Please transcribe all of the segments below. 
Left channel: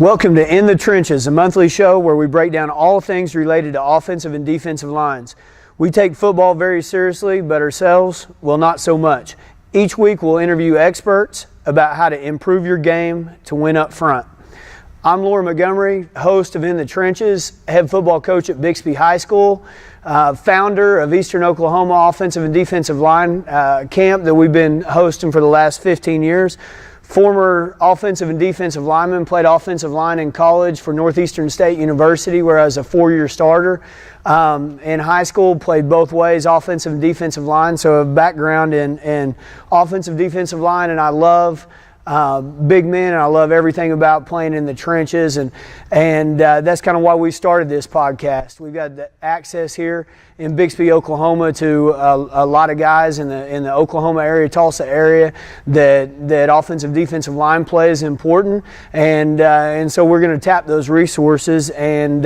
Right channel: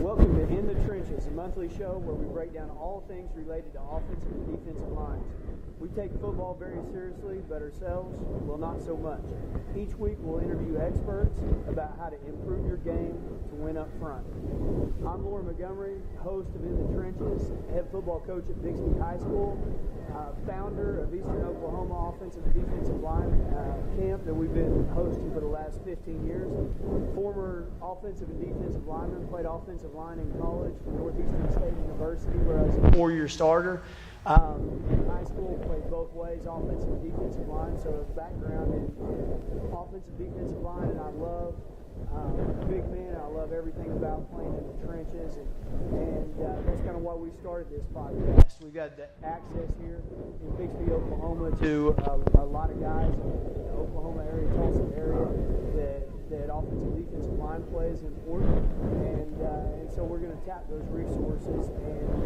Welcome to In the Trenches, a monthly show where we break down all things related to offensive and defensive lines. We take football very seriously, but ourselves, well, not so much. Each week we'll interview experts about how to improve your game to win up front. I'm Loren Montgomery, host of In the Trenches, head football coach at Bixby High School, founder of Eastern Oklahoma Offensive and Defensive Line camp that we've been hosting for the last 15 years. Former offensive and defensive lineman, played offensive line in college for Northeastern State University where I was a four-year starter. In high school, played both ways, offensive and defensive line, so a background in offensive defensive line, and I love big men, and I love everything about playing in the trenches, and that's kind of why we started this podcast. We've got the access here in Bixby, Oklahoma, to a lot of guys in the Oklahoma area, Tulsa area, that offensive defensive line play is important, and so we're going to tap those resources and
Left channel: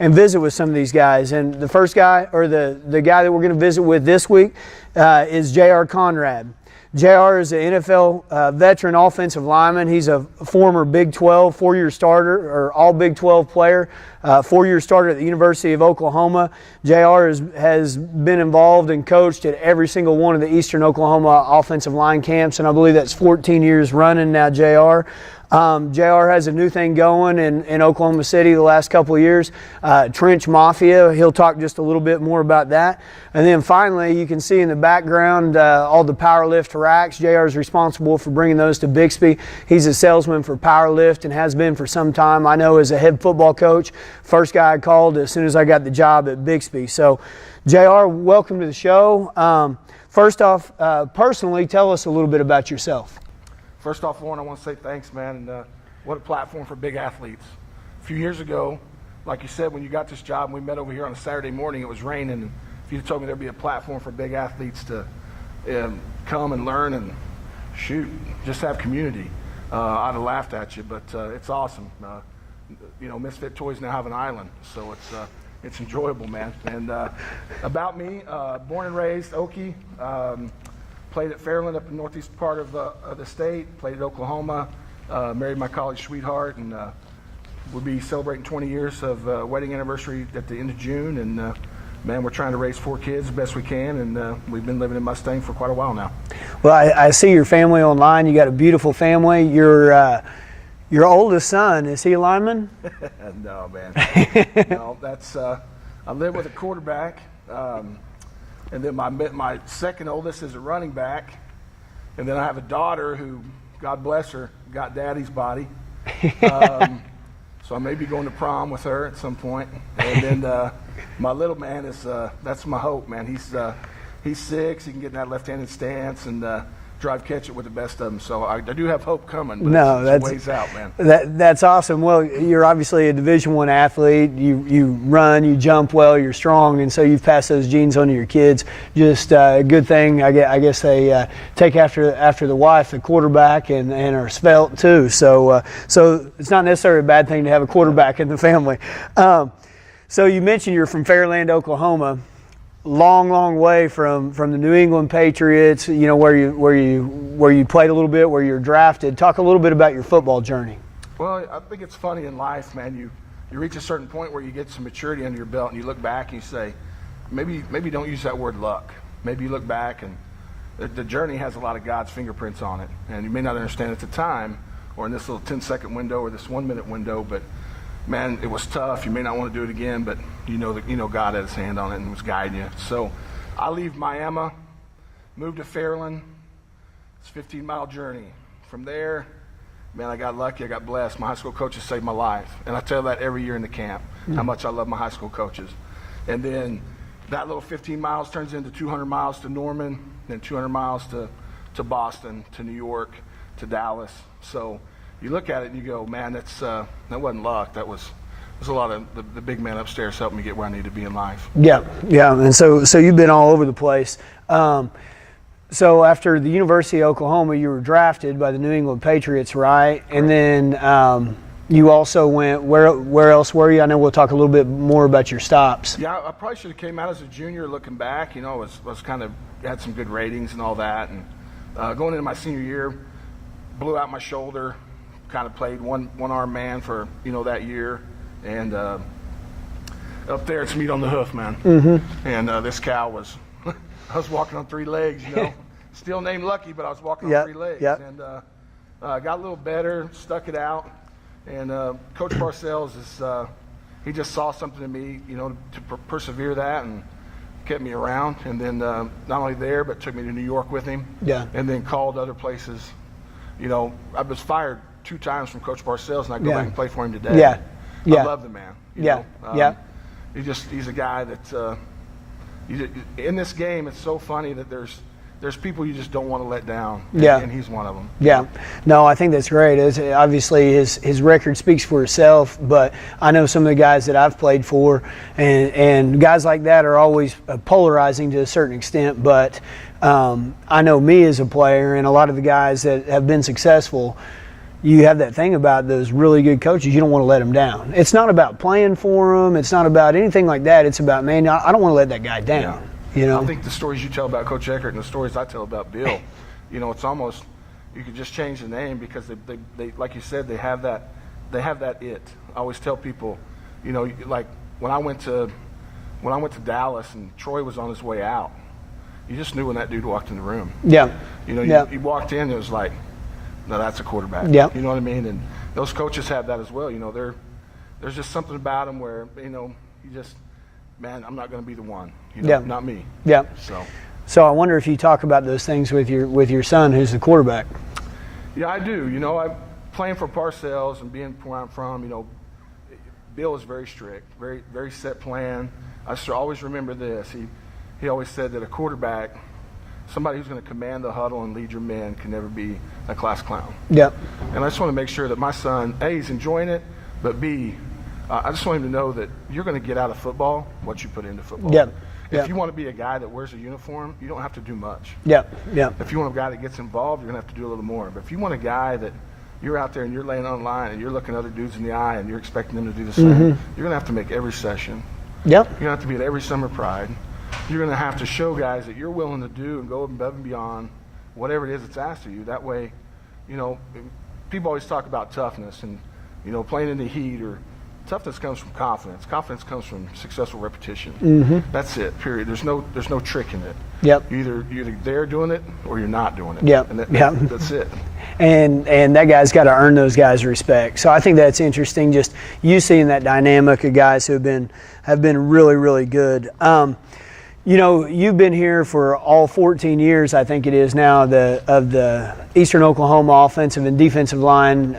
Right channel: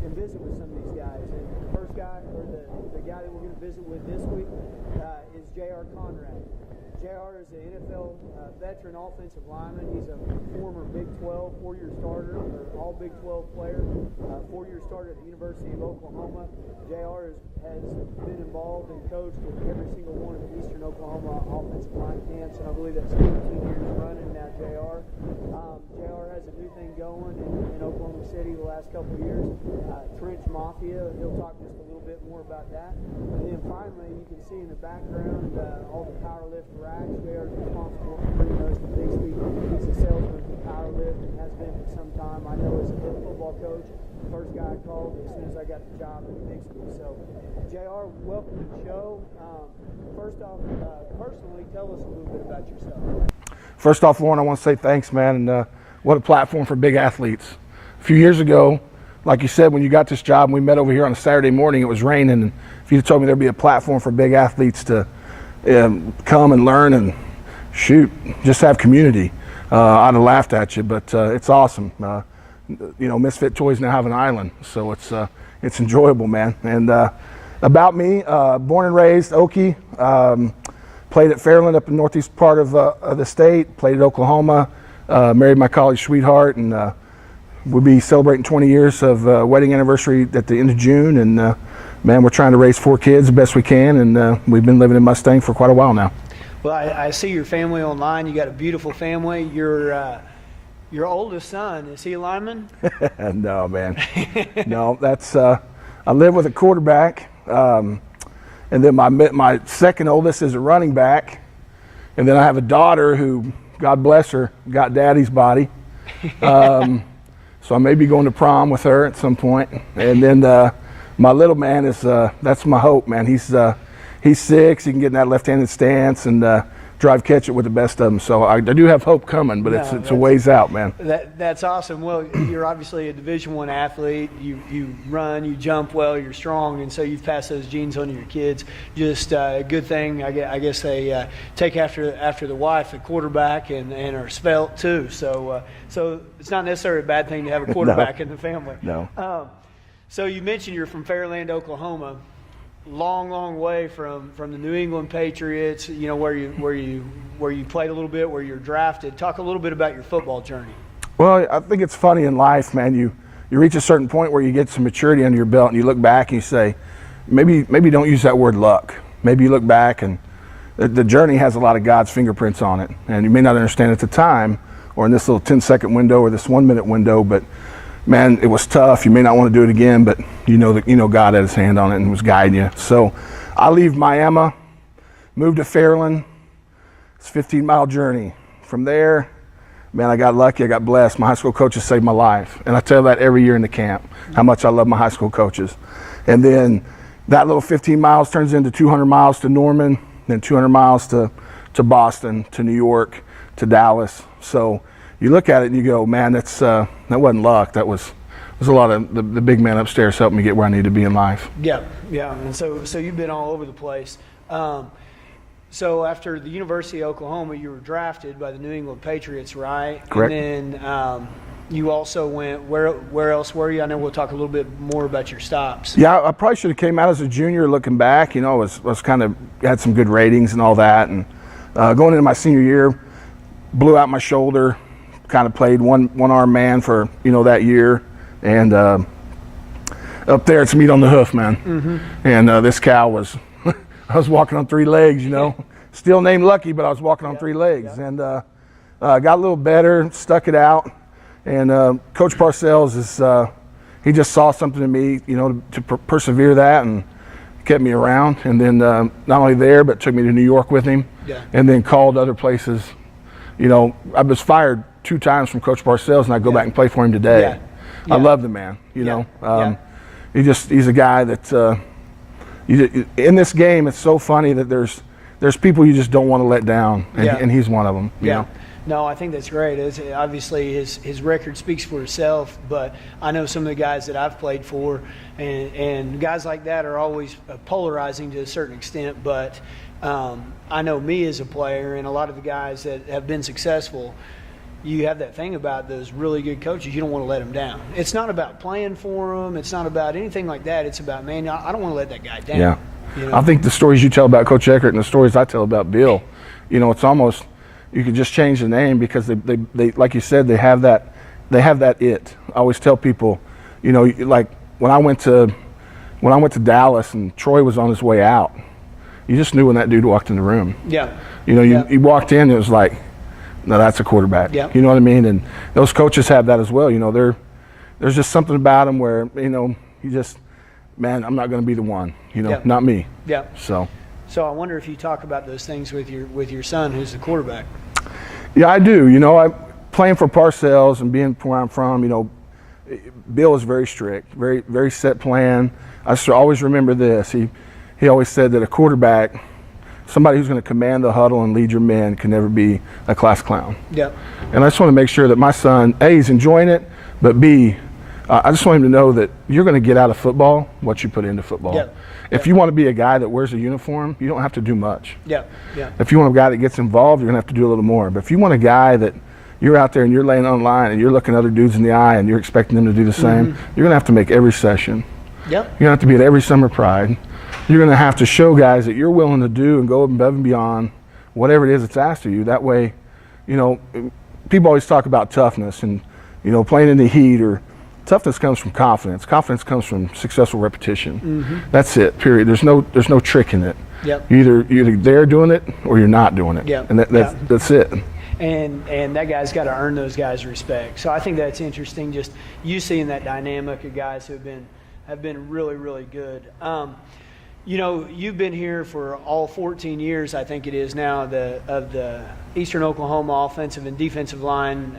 visit with some of these guys. And the first guy, or the guy that we're going to visit with this week, is J.R. Conrad. J.R. is an NFL veteran offensive lineman. He's a former Big 12 four-year starter, or all Big 12 player, four-year starter at the University of Oklahoma. J.R. has been involved and coached at every single one of the Eastern Oklahoma offensive line camps, and I believe that's 14 years running now, J.R. J.R. has a new thing going in Oklahoma City the last couple of years, Trench Mafia. He'll talk just a little bit more about that. And then finally, you can see in the background all the powerlift racks. J.R. is responsible for bringing those to Bixby. He's a salesman for powerlift and has been for some time. I know as a head football coach, first guy I called as soon as I got the job at Bixby. So, J.R., welcome to the show. First off, personally, tell us a little bit about yourself. First off, Loren, I want to say thanks, man, and what a platform for big athletes. A few years ago, like you said, when you got this job and we met over here on a Saturday morning, it was raining, and if you'd told me there'd be a platform for big athletes to come and learn and shoot, just have community, I'd have laughed at you, but it's awesome. You know, Misfit Toys now have an island, so it's enjoyable, man. And about me, born and raised Okie, played at Fairland up in the northeast part of the state, played at Oklahoma, married my college sweetheart, and we'll be celebrating 20 years of wedding anniversary at the end of June, and man, we're trying to raise 4 kids the best we can, and we've been living in Mustang for quite a while now. Well, I see your family online. You got a beautiful family. Your oldest son, is he a lineman? No, man. No, that's I live with a quarterback. And then my second oldest is a running back. And then I have a daughter who, God bless her, got daddy's body. So I may be going to prom with her at some point. And then my little man is, that's my hope, man. He's 6, he can get in that left-handed stance and drive catch it with the best of them. So I do have hope coming, but it's a ways out, man. That's awesome. Well, you're obviously a Division I athlete. You run, you jump well, you're strong, and so you've passed those genes on to your kids. Just a good thing. I guess they take after the wife, the quarterback, and are svelte too. So it's not necessarily a bad thing to have a quarterback in the family. No. So you mentioned you're from Fairland, Oklahoma. Long way from the New England Patriots, you know, where you played a little bit, where you're drafted. Talk a little bit about your football journey. Well, I think it's funny in life, man. You reach a certain point where you get some maturity under your belt, and you look back and you say, maybe don't use that word luck. Maybe you look back and the journey has a lot of God's fingerprints on it, and you may not understand at the time, or in this little 10-second window or this 1-minute window, but man, it was tough. You may not want to do it again, but you know God had his hand on it and was guiding you. So I leave Miami, moved to Fairland. It's a 15-mile journey. From there, man, I got lucky. I got blessed. My high school coaches saved my life. And I tell that every year in the camp, how much I love my high school coaches. And then that little 15 miles turns into 200 miles to Norman, then 200 miles to Boston, to New York, to Dallas. So you look at it and you go, man, that wasn't luck. There's a lot of the big man upstairs helping me get where I need to be in life. Yeah, and so you've been all over the place. So after the University of Oklahoma, you were drafted by the New England Patriots, right? Correct. And then you also went, where else were you? I know we'll talk a little bit more about your stops. Yeah, I probably should have came out as a junior looking back. You know, was kind of had some good ratings and all that. And going into my senior year, blew out my shoulder, kind of played one-arm man for, that year. And up there, it's meat on the hoof, man. Mm-hmm. And this cow was, I was walking on 3 legs, Still named Lucky, but I was walking on 3 legs. Yep. And got a little better, stuck it out. And Coach Parcells is, he just saw something in me, to persevere that, and kept me around. And then not only there, but took me to New York with him. Yeah. And then called other places. I was fired 2 times from Coach Parcells, and I go back and play for him today. Yeah. Yeah. I love the man. He's a guy that in this game. It's so funny that there's people you just don't want to let down, and he's one of them. Yeah. No, I think that's great. Obviously, his record speaks for itself, but I know some of the guys that I've played for, and guys like that are always polarizing to a certain extent, but I know me as a player, and a lot of the guys that have been successful, you have that thing about those really good coaches. You don't want to let them down. It's not about playing for them. It's not about anything like that. It's about, man, I don't want to let that guy down. Yeah. I think the stories you tell about Coach Eckert and the stories I tell about Bill, it's almost, you could just change the name, because they like you said, they have that it. I always tell people, like when I went to Dallas and Troy was on his way out, you just knew when that dude walked in the room. Yeah. He walked in, it was like, no, that's a quarterback. Yeah. You know what I mean? And those coaches have that as well. There's just something about them where, you just, man, I'm not going to be the one. Not me. Yeah. So I wonder if you talk about those things with your son, who's the quarterback. Yeah, I do. I playing for Parcells and being where I'm from. Bill is very strict, very very set plan. I always remember this. He always said that a quarterback, somebody who's going to command the huddle and lead your men, can never be a class clown. Yeah. And I just want to make sure that my son, A, he's enjoying it, but B, I just want him to know that you're going to get out of football what you put into football. Yeah. If you want to be a guy that wears a uniform, you don't have to do much. Yeah. Yeah. If you want a guy that gets involved, you're going to have to do a little more. But if you want a guy that you're out there and you're laying on line and you're looking other dudes in the eye and you're expecting them to do the same, you're going to have to make every session. Yep. You're going to have to be at every summer pride. You're going to have to show guys that you're willing to do and go above and beyond whatever it is that's asked of you. That way, people always talk about toughness and, playing in the heat, or toughness comes from confidence. Confidence comes from successful repetition. That's it, period. There's no trick in it. Yep. You're either there doing it or you're not doing it. Yep. And that's it. And that guy's got to earn those guys' respect. So I think that's interesting, just you seeing that dynamic of guys who have been really, really good. You've been here for all 14 years, I think it is now, of the Eastern Oklahoma offensive and defensive line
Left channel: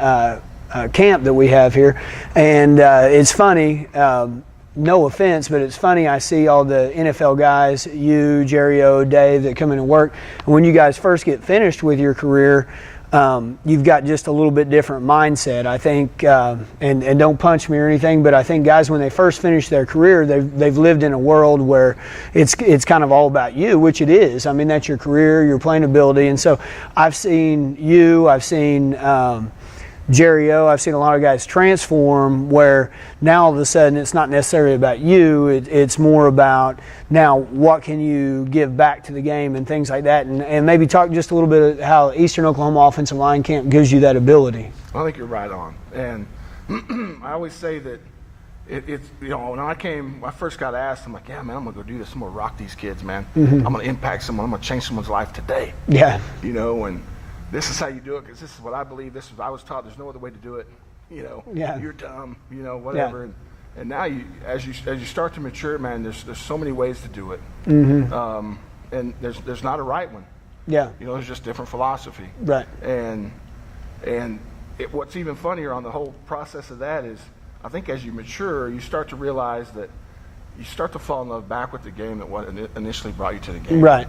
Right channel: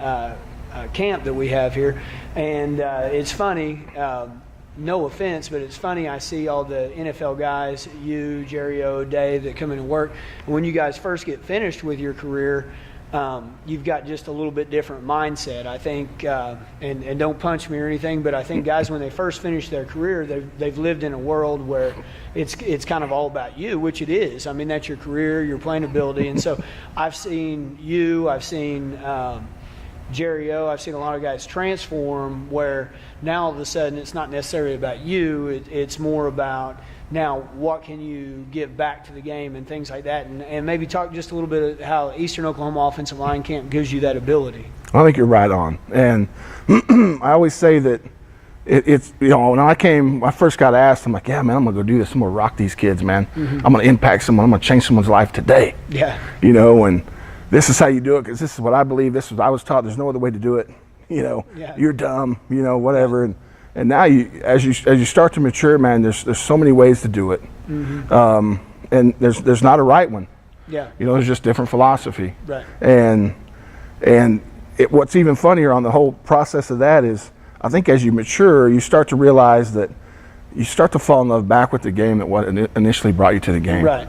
camp that we have here. And it's funny, no offense, but it's funny, I see all the NFL guys, you, Jerry O, Dave, that come in and work. And when you guys first get finished with your career, you've got just a little bit different mindset, I think, and don't punch me or anything, but I think guys, when they first finish their career, they've lived in a world where it's kind of all about you, which it is. I mean, that's your career, your playing ability. And so I've seen you, I've seen Jerry O, I've seen a lot of guys transform, where now all of a sudden it's not necessarily about you, it's more about now what can you give back to the game and things like that, and maybe talk just a little bit of how Eastern Oklahoma Offensive Line Camp gives you that ability. I think you're right on, and I always say that it's when I first got asked, I'm like, yeah, man, I'm gonna go do this, I'm gonna rock these kids, man. I'm gonna impact someone, I'm gonna change someone's life today. Yeah. And this is how you do it, because this is what I believe, this is what I was taught, there's no other way to do it. You're dumb, whatever. Yeah. And now as you start to mature, man, there's so many ways to do it. And there's not a right one. Yeah. There's just different philosophy. Right. And what's even funnier on the whole process of that is, I think as you mature, you start to realize that you start to fall in love back with the game at what initially brought you to the game. Right.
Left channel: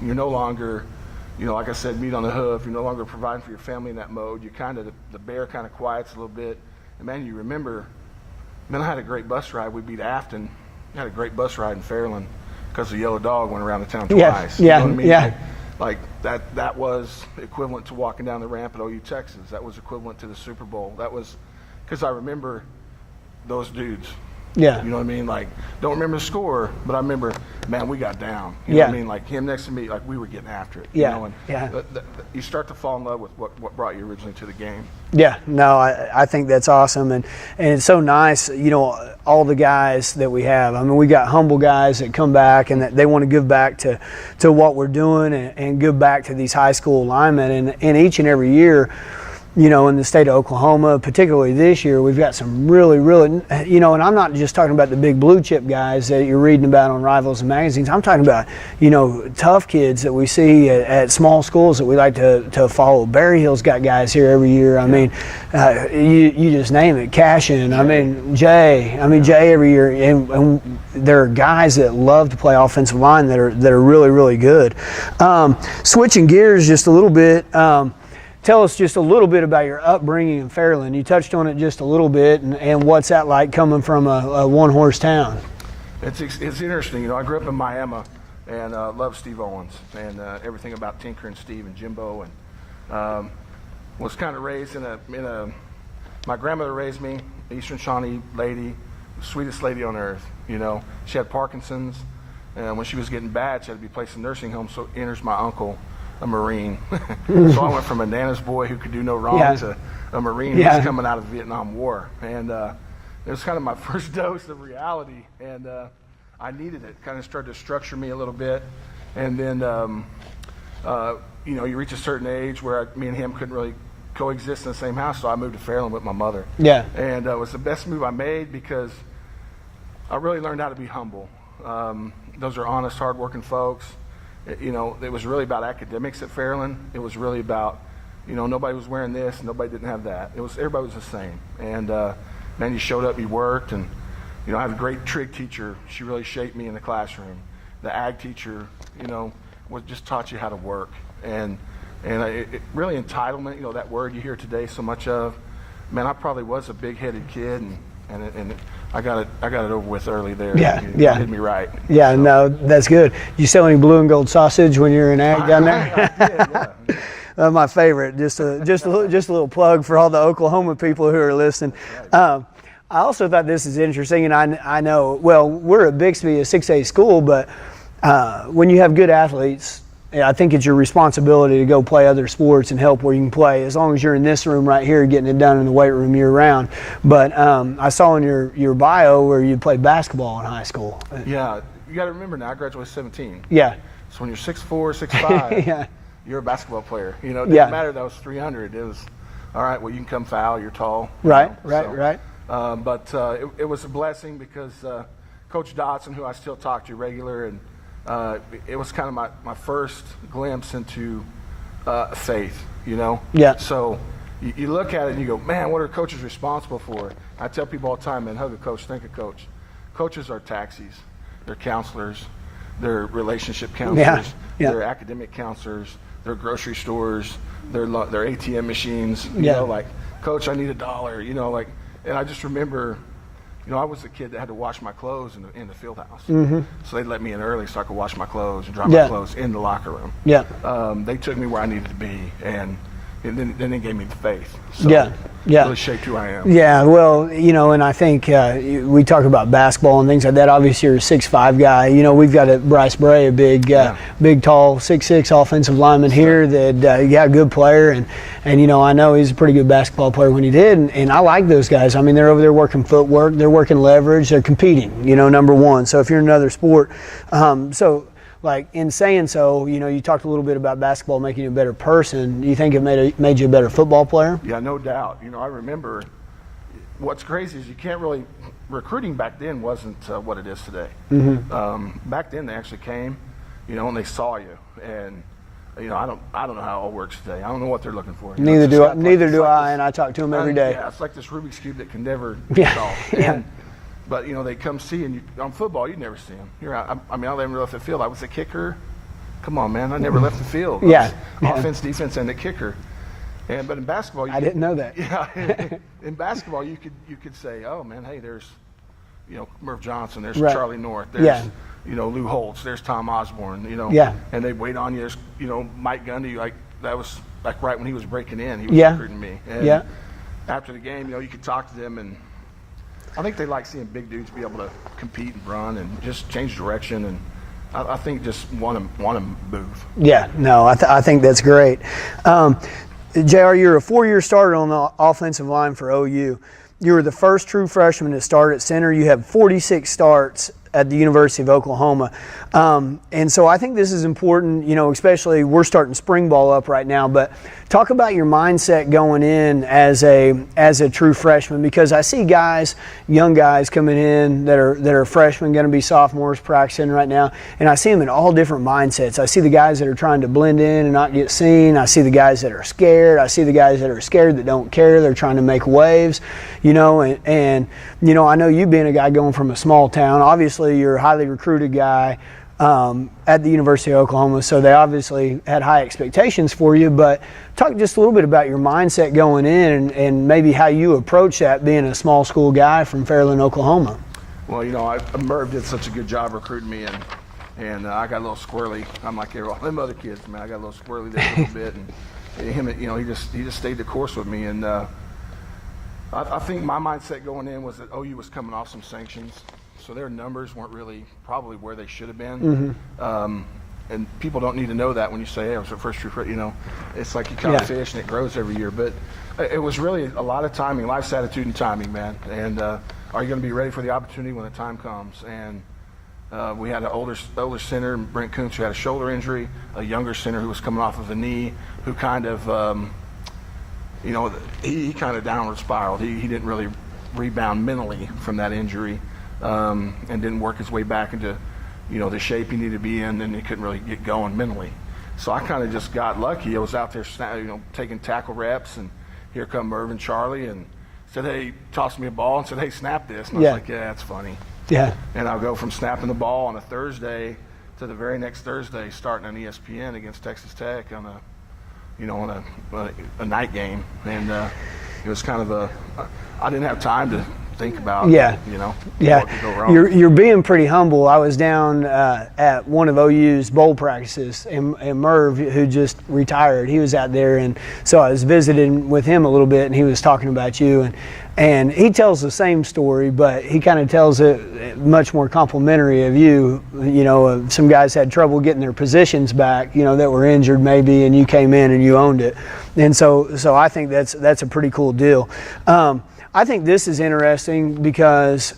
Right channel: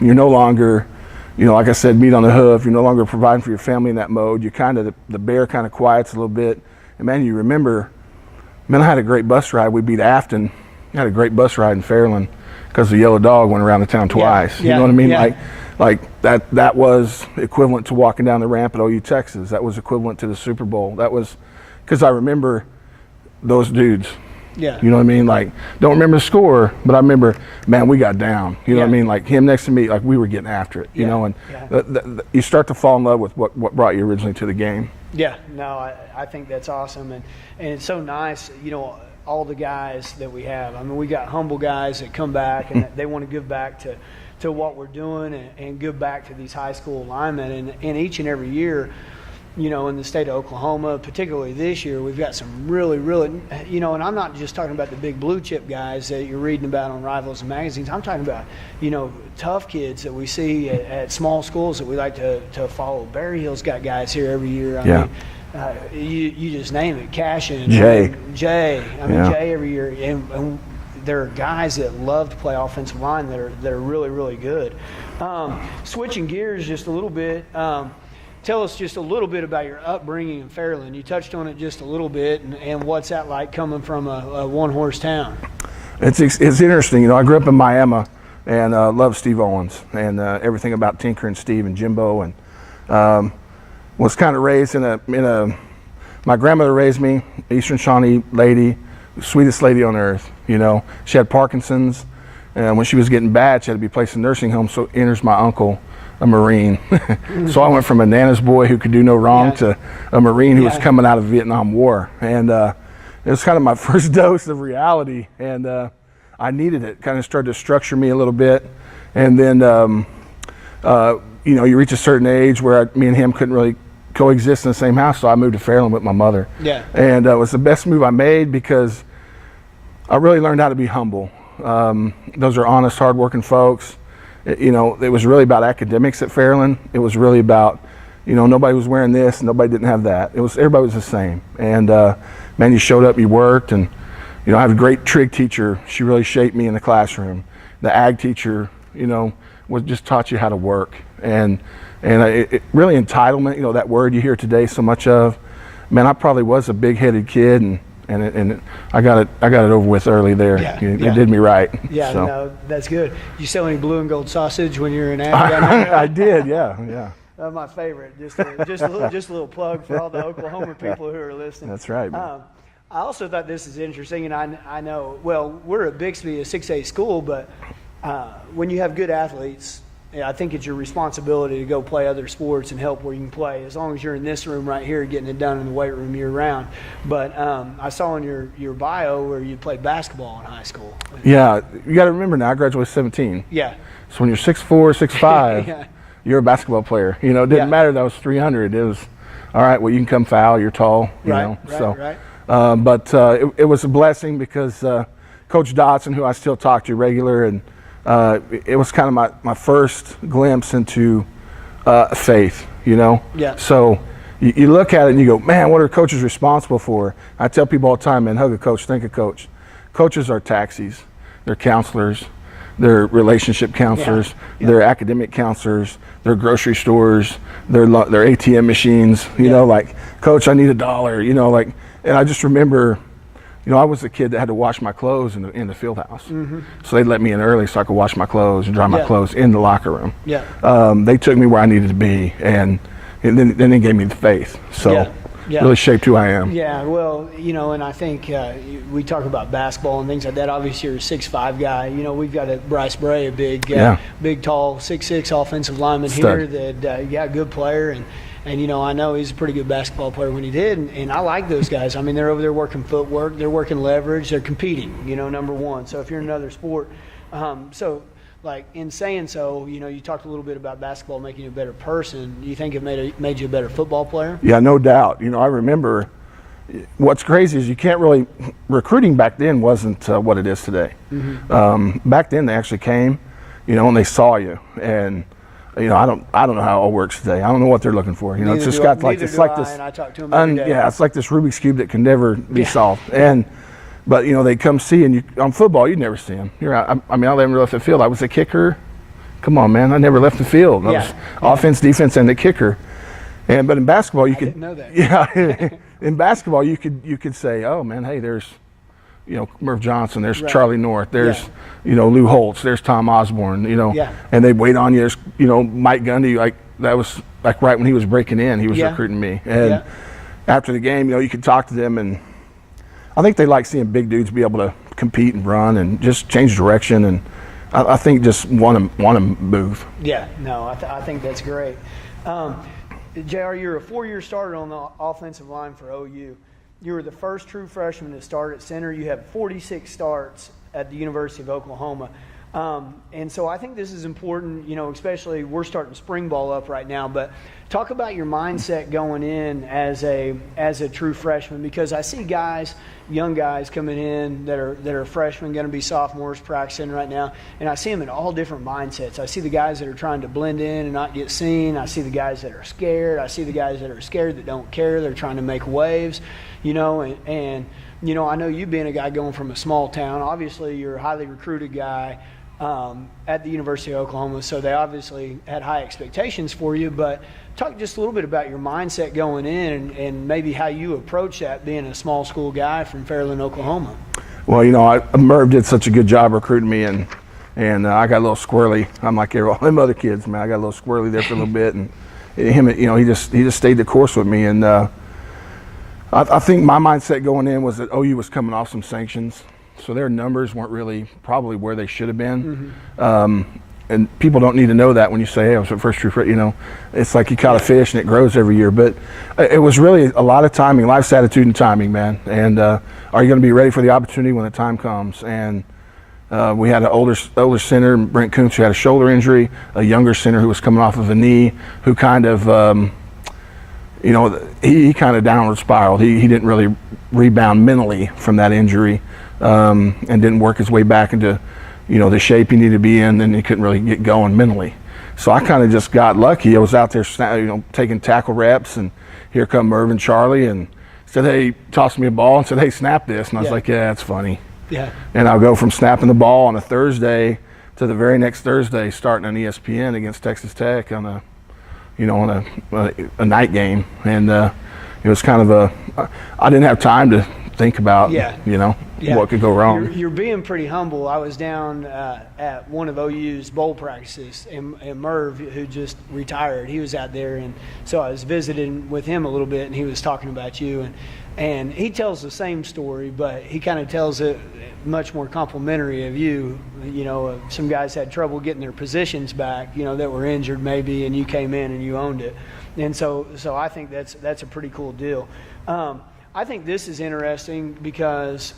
You're no longer, like I said, meat on the hoof. You're no longer providing for your family in that mode. You kind of, the bear kind of quiets a little bit. And man, you remember, I had a great bus ride. We beat Afton. I had a great bus ride in Fairland because the yellow dog went around the town twice. Yeah. You know what I mean? Yeah. Like that was equivalent to walking down the ramp at OU Texas. That was equivalent to the Super Bowl. That was because I remember those dudes. Yeah. You know what I mean? Like, don't remember the score, but I remember, man, we got down. You know what I mean? Like him next to me, like we were getting after it. You know, and you start to fall in love with what brought you originally to the game. Yeah, no, I think that's awesome, and it's so nice, you know, all the guys that we have. I mean, we got humble guys that come back and that they want to give back to what we're doing and give back to these high school linemen, and each and every year, you know, in the state of Oklahoma, particularly this year, we've got some really, you know, and I'm not just talking about the big blue chip guys that you're reading about on Rivals and magazines. I'm talking about, you know, tough kids that we see at small schools that we like to follow. Berry Hill's got guys here every year. I mean, you just name it. Cashin, Jay. Jay every year. And there are guys that love to play offensive line that are really, really good. Switching gears just a little bit, tell us just a little bit about your upbringing in Fairland. You touched on it just a little bit, and what's that like coming from a one-horse town? It's interesting. You know, I grew up in Miami and loved Steve Owens and everything about Tinker and Steve and Jimbo, and was kind of raised in a. My grandmother raised me, Eastern Shawnee lady, sweetest lady on earth. You know, she had Parkinson's, and when she was getting bad, she had to be placed in a nursing home. So enters my uncle, a Marine. So I went from a Nana's boy who could do no wrong to a Marine who was coming out of the Vietnam War. And it was kind of my first dose of reality, and I needed it. Kind of started to structure me a little bit. And then, you know, you reach a certain age where me and him couldn't really coexist in the same house, so I moved to Fairland with my mother. Yeah. And it was the best move I made because I really learned how to be humble. Those are honest, hardworking folks. You know, it was really about academics at Fairland. It was really about, you know, nobody was wearing this, nobody didn't have that. Everybody was the same. And man, you showed up, you worked, and you know, I have a great trig teacher. She really shaped me in the classroom. The ag teacher, you know, just taught you how to work. And it really entitlement, you know, that word you hear today so much of. Man, I probably was a big-headed kid, and I got it over with early there. It did me right. Yeah, so. No, that's good. You sell any blue and gold sausage when you're in ag down there? I did, yeah. My favorite. Just a little plug for all the Oklahoma people who are listening. That's right. I also thought this is interesting, and I know. Well, we're at Bixby, a 6A school, but when you have good athletes, I think it's your responsibility to go play other sports and help where you can play, as long as you're in this room right here getting it done in the weight room year round. But I saw in your bio where you played basketball in high school. Yeah, you got to remember now, I graduated 17. Yeah. So when you're 6'4", 6'5", you're a basketball player. You know, it didn't matter that I was 300. It was, all right, well, you can come foul, you're tall. Right. But it was a blessing because Coach Dotson, who I still talk to regular, and it was kind of my first glimpse into faith, you know? Yeah. So you look at it and you go, man, what are coaches responsible for? I tell people all the time, man, hug a coach, think a coach. Coaches are taxis, they're counselors, they're relationship counselors, they're academic counselors, they're grocery stores, they're ATM machines, you know, like, coach, I need $1, you know, like, and I just remember, you know, I was the kid that had to wash my clothes in the field house. Mm-hmm. So they'd let me in early so I could wash my clothes and dry my clothes in the locker room. Yeah. They took me where I needed to be, and then they gave me the faith. So really shaped who I am. Yeah, well, you know, and I think we talk about basketball and things like that. Obviously, you're a 6'5" guy. You know, we've got Bryce Bray, a big, tall, 6'6" offensive lineman here that, good player. And, you know, I know he's a pretty good basketball player when he did, and I like those guys. I mean, they're over there working footwork, they're working leverage, they're competing, you know, number one. So if you're in another sport, like, in saying so, you know, you talked a little bit about basketball making you a better person. Do you think it made you a better football player? Yeah, no doubt. You know, I remember what's crazy is you can't really – recruiting back then wasn't what it is today. Mm-hmm. Back then they actually came, you know, and they saw you. And, you know, I don't know how it all works today. I don't know what they're looking for. You know, neither do I, and I talk to them every day. Yeah, it's like this Rubik's Cube that can never be solved. But, you know, they come see, and on football, you'd never see them. I never left the field. I was a kicker. Come on, man. I never left the field. Offense, defense, and the kicker. But in basketball, I didn't know that. Yeah. In basketball, you could say, oh, man, hey, there's, you know, Merv Johnson. There's Charlie North. There's, you know, Lou Holtz. There's Tom Osborne, you know. Yeah. And they'd wait on you. There's, you know, Mike Gundy, like, that was, like, right when he was breaking in, he was recruiting me. And after the game, you know, you could talk to them, and I think they like seeing big dudes be able to compete and run and just change direction, and I think just want to move. Yeah, no, I think that's great. JR, you're a 4-year starter on the offensive line for OU. You were the first true freshman to start at center. You have 46 starts at the University of Oklahoma. And so I think this is important, especially we're starting spring ball up right now, but talk about your mindset going in as a true freshman, because I see guys, young guys coming in that are freshmen, going to be sophomores practicing right now, and I see them in all different mindsets. I see the guys that are trying to blend in and not get seen. I see the guys that are scared. I see the guys that are scared that don't care. They're trying to make waves, and I know you being a guy going from a small town, obviously you're a highly recruited guy at the University of Oklahoma, so they obviously had high expectations for you, but talk just a little bit about your mindset going in and maybe how you approach that being a small school guy from Fairland, Oklahoma. Well, Merv did such a good job recruiting me, and I got a little squirrely. I'm like all them other kids, man. I got a little squirrely there for a little bit, and him, he just stayed the course with me, and I think my mindset going in was that OU was coming off some sanctions, so their numbers weren't really probably where they should have been. And people don't need to know that when you say, hey, I was the first true, it's like you caught a fish and it grows every year. But it was really a lot of timing, life's attitude and timing, man. And are you going to be ready for the opportunity when the time comes? And we had an older center, Brent Koontz, who had a shoulder injury, a younger center who was coming off of a knee, who kind of, he kind of downward spiraled. He didn't really rebound mentally from that injury and didn't work his way back into the shape he needed to be in, and he couldn't really get going mentally. So I kind of just got lucky. I was out there, taking tackle reps, and here come Merv and Charlie, and said, hey, tossed me a ball and said, hey, snap this. And I was like, yeah, that's funny. Yeah. And I'll go from snapping the ball on a Thursday to the very next Thursday starting on ESPN against Texas Tech on a night game. And it was kind of I didn't have time to think about, what could go wrong. You're being pretty humble. I was down at one of OU's bowl practices, and Merv, who just retired, he was out there, and so I was visiting with him a little bit, and he was talking about you, and he tells the same story, but he kind of tells it much more complimentary of you. Some guys had trouble getting their positions back, that were injured maybe, and you came in and you owned it, and so I think that's a pretty cool deal. I think this is interesting because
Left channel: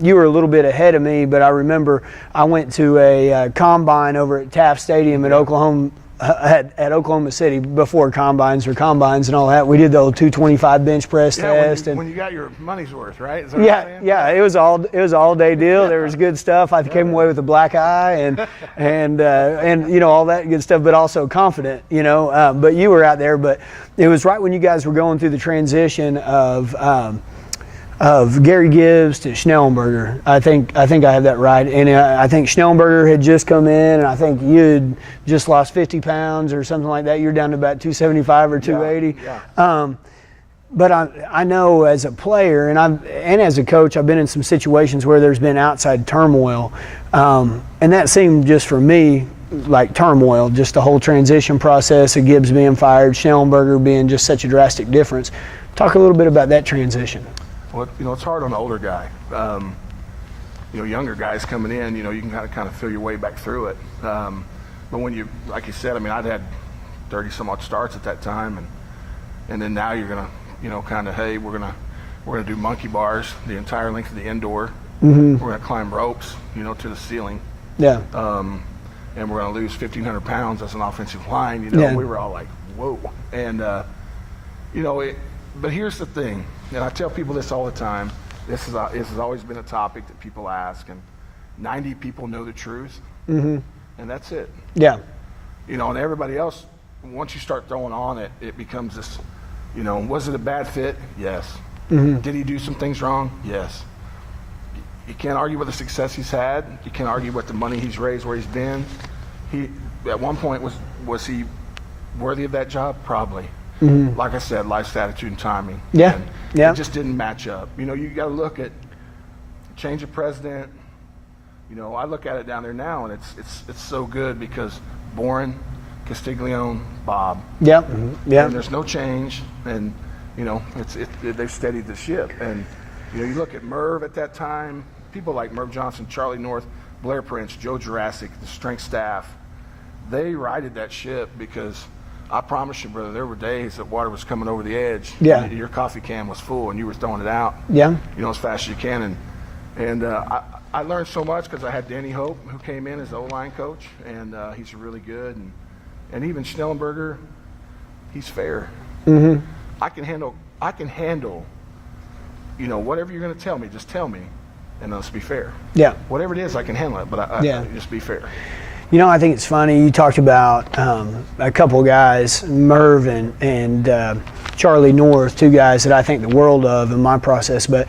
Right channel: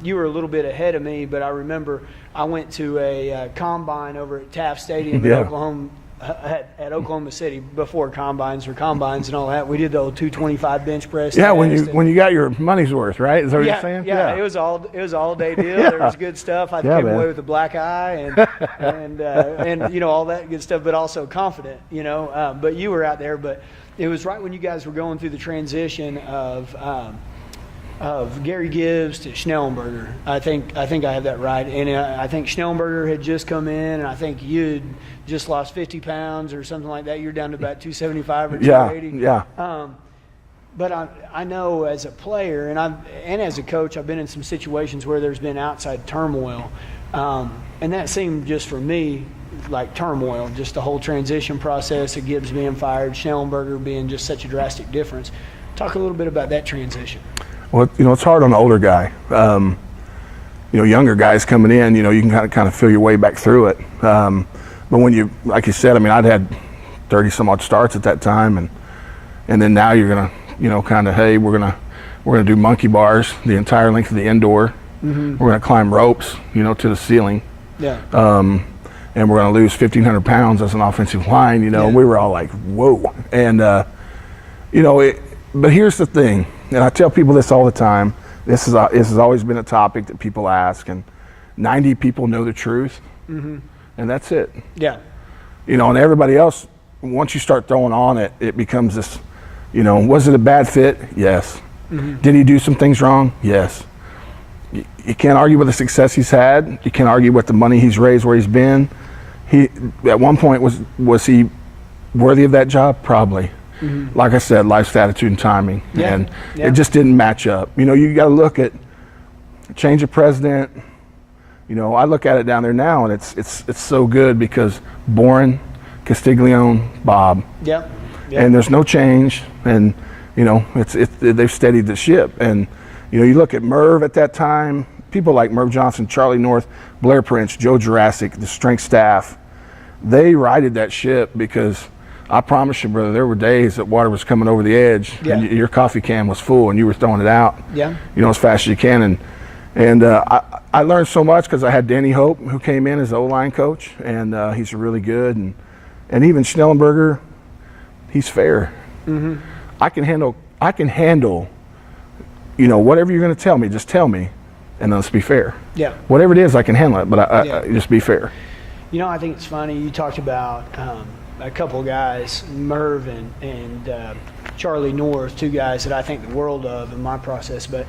you were a little bit ahead of me, but I remember I went to a combine over at Taft Stadium at Oklahoma City before combines and all that. We did the old 225 bench press. Yeah, when you got your money's worth, right? Is that what you're saying? Yeah, it was all day deal. There was good stuff. I came away with a black eye and all that good stuff, but also confident. But you were out there, but it was right when you guys were going through the transition of Gary Gibbs to Schnellenberger. I think I have that right. And I think Schnellenberger had just come in, and I think you had just lost 50 pounds or something like that. You're down to about 275 or 280. Yeah. But I know as a player and as a coach, I've been in some situations where there's been outside turmoil. And that seemed just for me like turmoil, just the whole transition process of Gibbs being fired, Schnellenberger being just such a drastic difference. Talk a little bit about that transition. Well, it's hard on the older guy. Younger guys coming in, you can kind of feel your way back through it. But when you, like you said, I'd had 30 some odd starts at that time, and then now you're gonna, hey, we're gonna do monkey bars the entire length of the indoor. Mm-hmm. We're gonna climb ropes, to the ceiling. Yeah. And we're gonna lose 1,500 pounds as an offensive line. And we were all like, whoa. And but here's the thing. And I tell people this all the time. This has always been a topic that people ask, and 90 people know the truth, and that's it. Yeah. And everybody else, once you start throwing on it, it becomes this, was it a bad fit? Yes. Mm-hmm. Did he do some things wrong? Yes. You can't argue with the success he's had. You can't argue with the money he's raised where he's been. He, at one point, was he worthy of that job? Probably. Mm-hmm. Like I said, life's attitude and timing. Yeah. And it just didn't match up. You got to look at change of president. I look at it down there now, and it's so good because Boren, Castiglione, Bob. Yep. Mm-hmm. Yep. And there's no change, and they've steadied the ship. And you look at Merv at that time, people like Merv Johnson, Charlie North, Blair Prince, Joe Jurassic, the strength staff, they righted that ship because I promise you, brother, there were days that water was coming over the edge. Yeah. And your coffee can was full and you were throwing it out. Yeah. You know, as fast as you can. And I learned so much because I had Danny Hope, who came in as the O-line coach, and he's really good. And even Schnellenberger, he's fair. Mm-hmm. I can handle, you know, whatever you're going to tell me, just tell me, and let's be fair. Yeah. Whatever it is, I can handle it, but I just be fair. You know, I think it's funny. You talked about a couple of guys, Merv and Charlie North, two guys that I think the world of in my process, but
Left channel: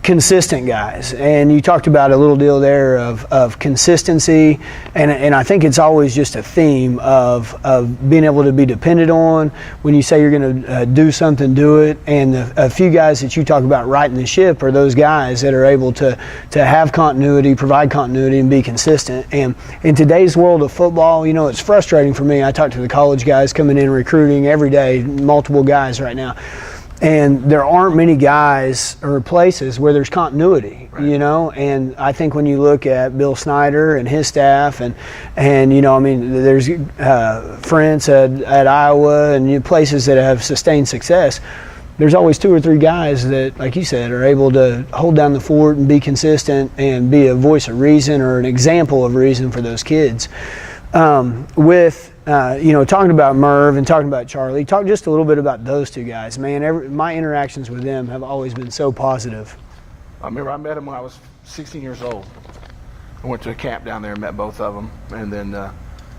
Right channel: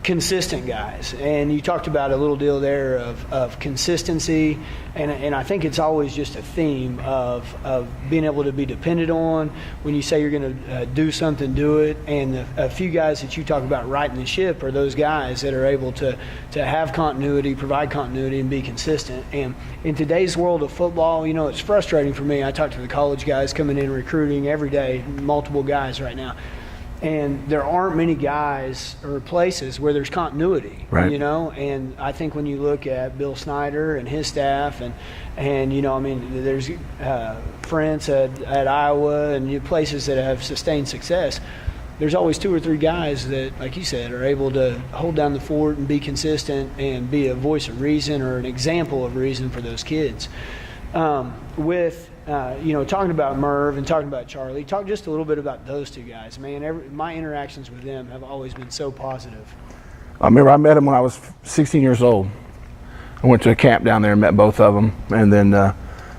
consistent guys. And you talked about a little deal there of consistency, and I think it's always just a theme of being able to be depended on. When you say you're going to do something, do it. And a few guys that you talk about righting the ship are those guys that are able to have continuity, provide continuity, and be consistent. And in today's world of football, you know, it's frustrating for me. I talk to the college guys coming in recruiting every day, multiple guys right now. And there aren't many guys or places where there's continuity, right. You know. And I think when you look at Bill Snyder and his staff, and you know, I mean, there's France at Iowa and places that have sustained success. There's always two or three guys that, like you said, are able to hold down the fort and be consistent and be a voice of reason or an example of reason for those kids. You know, talking about Merv and talking about Charlie, talk just a little bit about those two guys. Man, my interactions with them have always been so positive. I remember I met them when I was 16 years old. I went to a camp down there and met both of them, and then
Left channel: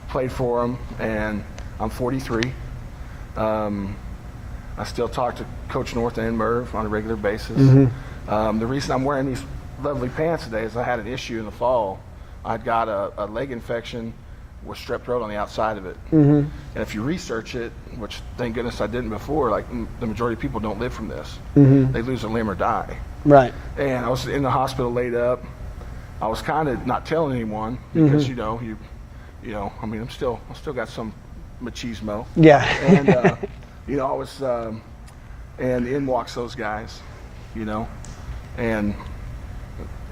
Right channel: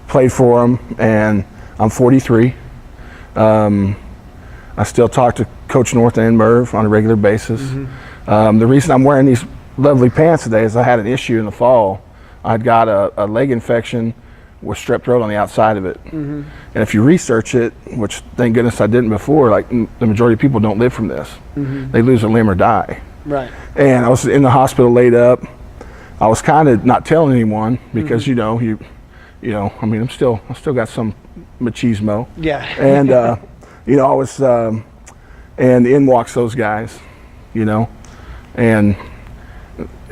played for them. And I'm 43. I still talk to Coach North and Merv on a regular basis. Mm-hmm. The reason I'm wearing these lovely pants today is I had an issue in the fall. I'd got a leg infection with strep throat on the outside of it. Mm-hmm. And if you research it, which thank goodness I didn't before, like the majority of people don't live from this. Mm-hmm. They lose a limb or die. Right. And I was in the hospital laid up. I was kind of not telling anyone because mm-hmm. you know, I mean, I still got some machismo. Yeah. And you know, I was and in walks those guys, you know, and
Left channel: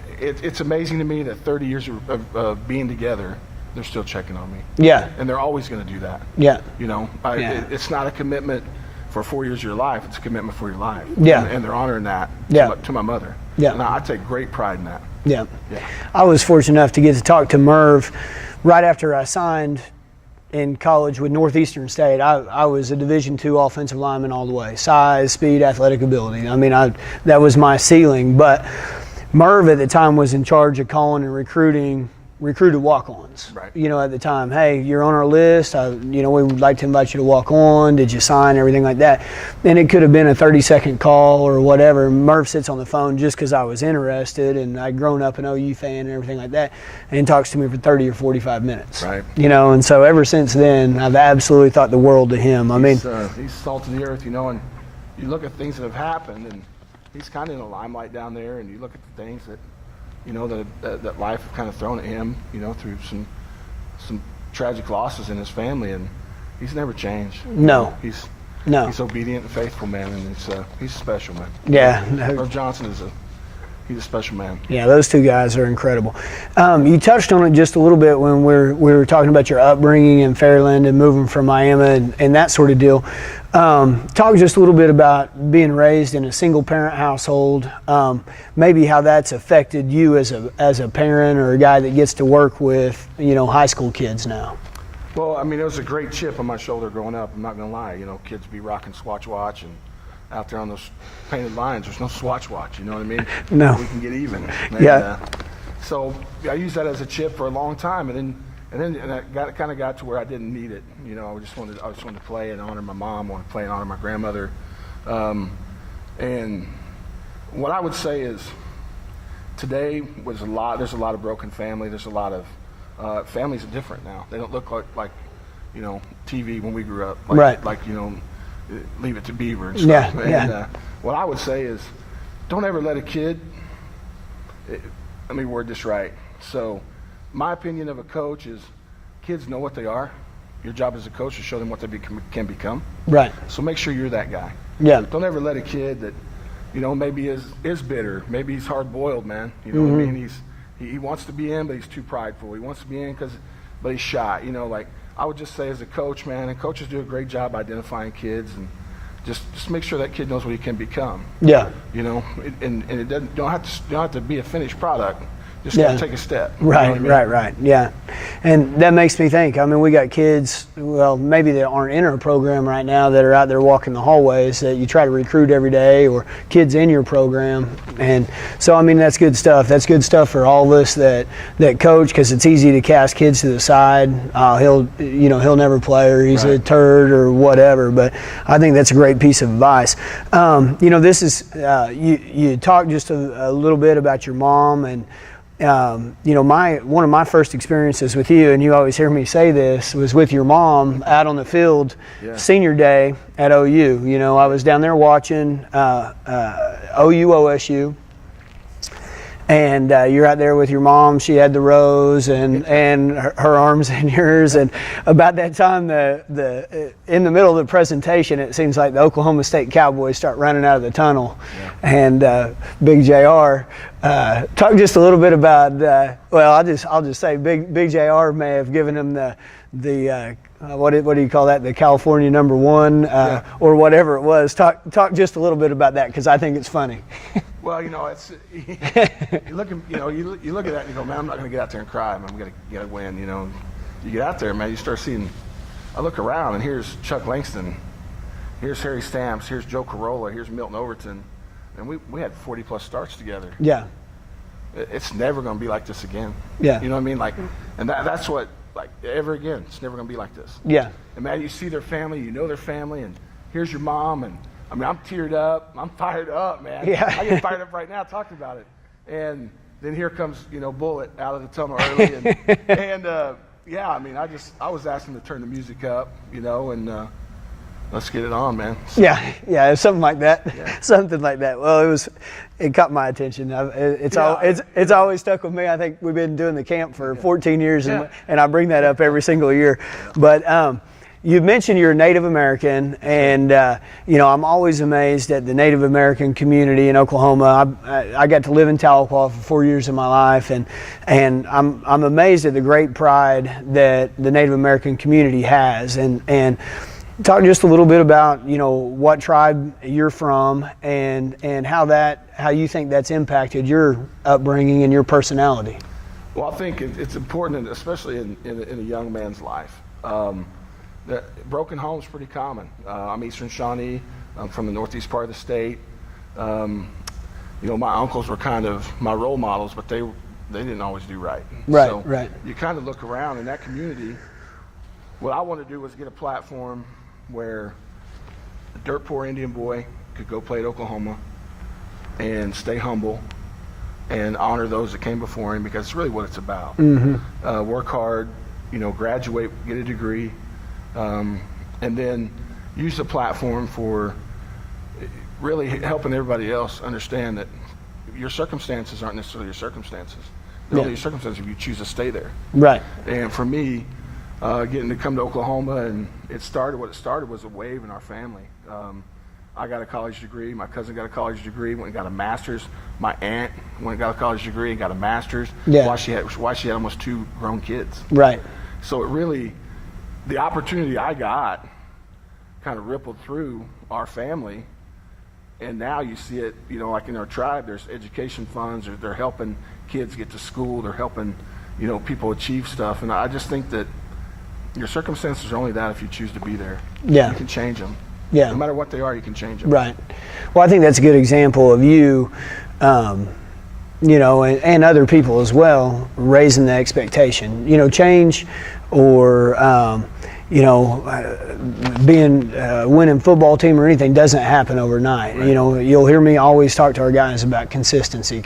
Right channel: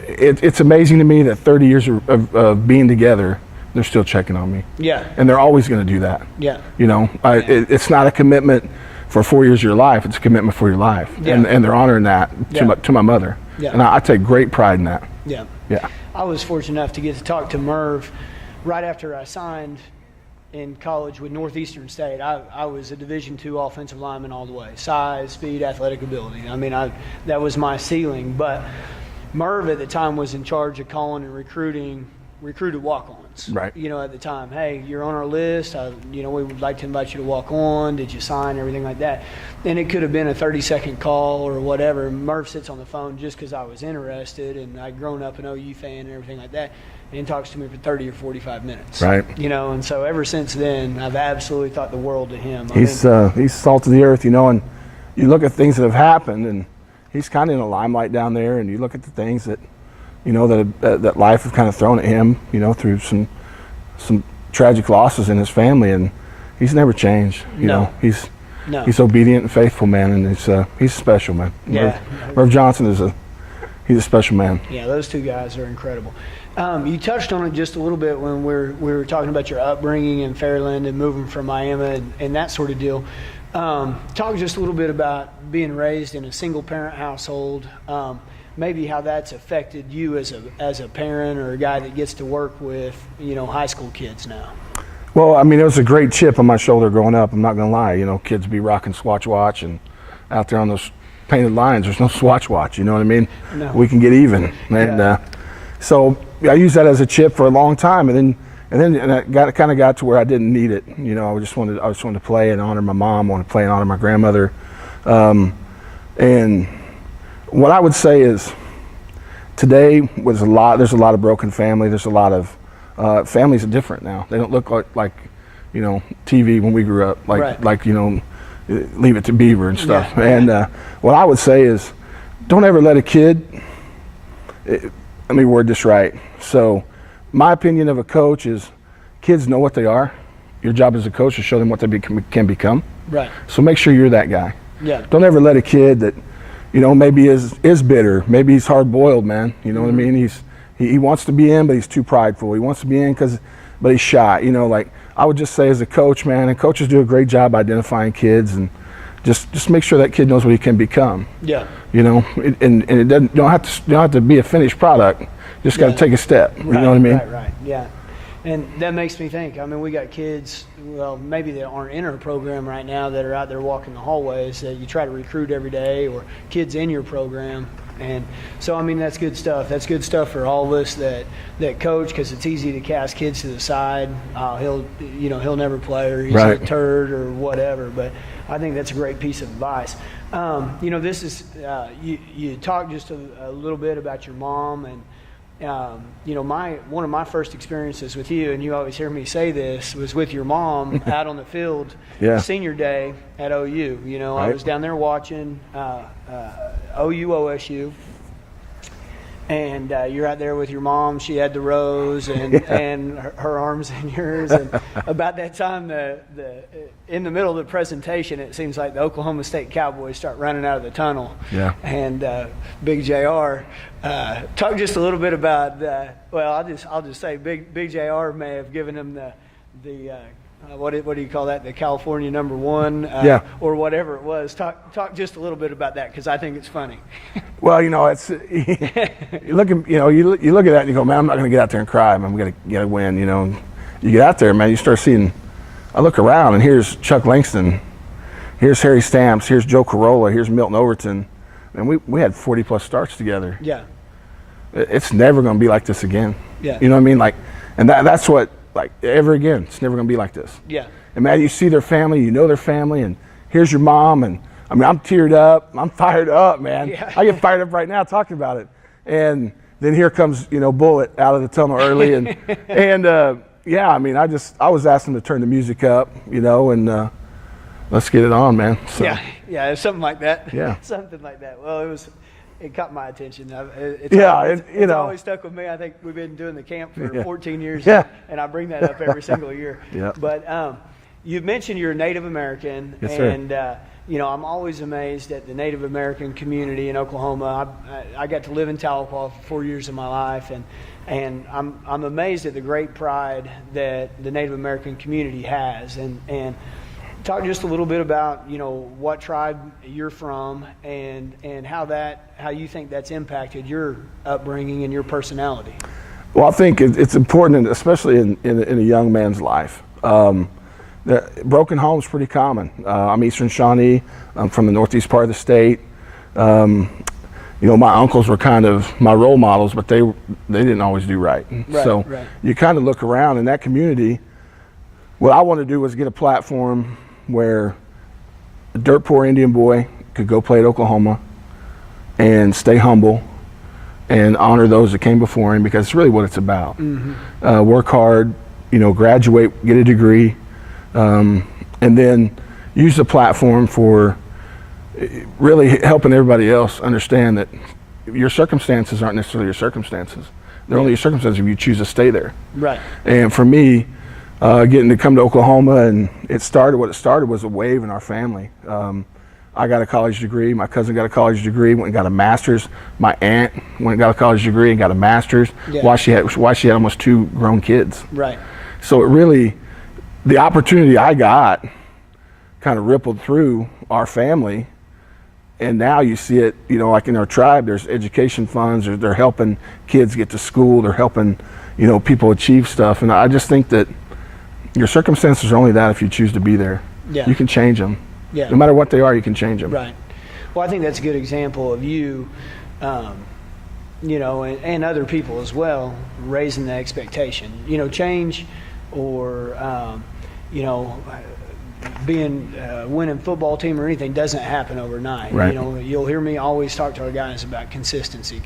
it's amazing to me that 30 years of being together, they're still checking on me. Yeah. And they're always going to do that. Yeah. You know, it's not a commitment for 4 years of your life. It's a commitment for your life. Yeah. And they're honoring that to my mother. Yeah. And I take great pride in that. Yeah. Yeah. I was fortunate enough to get to talk to Merv right after I signed in college with Northeastern State. I was a Division II offensive lineman all the way. Size, speed, athletic ability. I mean, that was my ceiling. But Merv at the time was in charge of calling and recruited walk-ons. Right. You know, at the time, hey, you're on our list. You know, we would like to invite you to walk on. Did you sign? Everything like that. And it could have been a 30-second call or whatever. Merv sits on the phone just because I was interested, and I'd grown up an OU fan and everything like that, and talks to me for 30 or 45 minutes. Right. You know, and so ever since then, I've absolutely thought the world of him. He's salt of the earth, you know, and you look at things that have happened, and he's kind of in the limelight down there, and you look at the things that, you know, that life has kind of thrown at him, you know, through some tragic losses in his family, and he's never changed. You know, he's obedient and faithful, man, and he's special, man. Yeah. Merv Johnson he's a special man. Yeah, those two guys are incredible. You touched on it just a little bit when we were talking about your upbringing in Fairland and moving from Miami and that sort of deal. Talk just a little bit about being raised in a single-parent household, maybe how that's affected you as a parent or a guy that gets to work with, you know, high school kids now. Well, I mean, it was a great chip on my shoulder growing up. I'm not going to lie. You know, kids be rocking Swatch Watch, and out there on those painted lines, there's no Swatch Watch. You know what I mean? No. We can get even. And, so I used that as a chip for a long time, and then I kind of got to where I didn't need it. You know, I just wanted to play and honor my mom. I wanted to play and honor my grandmother. And what I would say is, today there's a lot of broken family. There's a lot of families are different now. They don't look like you know, TV when we grew up. Like you know, Leave It to Beaver and stuff. Yeah, and what I would say is, don't ever let a kid. Let me word this right. So, my opinion of a coach is, kids know what they are. Your job as a coach is to show them what they can become. Right. So make sure you're that guy. Yeah. Don't ever let a kid that, you know, maybe is bitter, maybe he's hard-boiled, man. You know what I mean? He wants to be in, but he's too prideful. He wants to be in because but he's shy. You know, like I would just say as a coach, man, and coaches do a great job identifying kids and just make sure that kid knows what he can become. Yeah. You know, and it doesn't, you don't have to be a finished product. Just got to take a step. Right, you know what I mean? Right. Yeah. And that makes me think, I mean, we got kids, well, maybe that aren't in our program right now that are out there walking the hallways that you try to recruit every day, or kids in your program. And so, I mean, that's good stuff. That's good stuff for all of us that coach, because it's easy to cast kids to the side. He'll never play, or he's a turd or whatever. But I think that's a great piece of advice. This is, you talked just a little bit about your mom, and one of my first experiences with you, and you always hear me say this, was with your mom out on the field, senior day at OU. You know, I was down there watching OU OSU, and you're out there with your mom. She had the rose and her arms in yours, and about that time, in the middle of the presentation, it seems like the Oklahoma State Cowboys start running out of the tunnel, and Big J.R. Talk just a little bit about. I'll just say, Big J.R. may have given him the what do you call that? The California #1, or whatever it was. Talk just a little bit about that, because I think it's funny. Well, it's you look at that and you go, man, I'm not going to get out there and cry. I'm going to get a win. You get out there, man. You start seeing. I look around and here's Chuck Langston, here's Harry Stamps, here's Joe Corolla, here's Milton Overton, and we had 40+ starts together. Yeah. It's never going to be like this again. Yeah. You know what I mean? Like, and that's what. Like, ever again, it's never going to be like this. Yeah. And man, you see their family, you know their family, and here's your mom, and I mean, I'm teared up, I'm fired up, man. Yeah. I get fired up right now talking about it. And then here comes, Bullet out of the tunnel early, and I mean, I was asking to turn the music up, and let's get it on, man. So. Yeah, something like that. Yeah. Something like that. Well, it caught my attention. It's always stuck with me. I think we've been doing the camp for 14 years, and I bring that up every single year. Yeah. But you mentioned you're a Native American, and I'm always amazed at the Native American community in Oklahoma. I got to live in Tahlequah for 4 years of my life, and I'm amazed at the great pride that the Native American community has, and talk just a little bit about what tribe you're from, and how you think that's impacted your upbringing and your personality. Well, I think it's important, especially in a young man's life. Broken home's pretty common. I'm Eastern Shawnee. I'm from the northeast part of the state. My uncles were kind of my role models, but they didn't always do right. You kind of look around in that community. What I wanted to do was get a platform where a dirt poor Indian boy could go play at Oklahoma and stay humble and honor those that came before him, because it's really what it's about. Mm-hmm. Work hard, graduate, get a degree, and then use the platform for really helping everybody else understand that your circumstances aren't necessarily your circumstances. They're only your circumstances if you choose to stay there. Right. And for me, getting to come to Oklahoma, and what it started was a wave in our family. I got a college degree. My cousin got a college degree, went and got a master's. My aunt went and got a college degree and got a master's. Yeah. While she had almost 2 grown kids. Right. So it really, the opportunity I got kind of rippled through our family. And now you see it, like in our tribe, there's education funds, they're helping kids get to school, they're helping, people achieve stuff. And I just think that your circumstances are only that if you choose to be there. Yeah. You can change them. Yeah. No matter what they are, you can change them. Right. Well, I think that's a good example of you, and other people as well, raising the expectation. Change or, being winning football team or anything doesn't happen overnight. Right. You'll hear me always talk to our guys about consistency,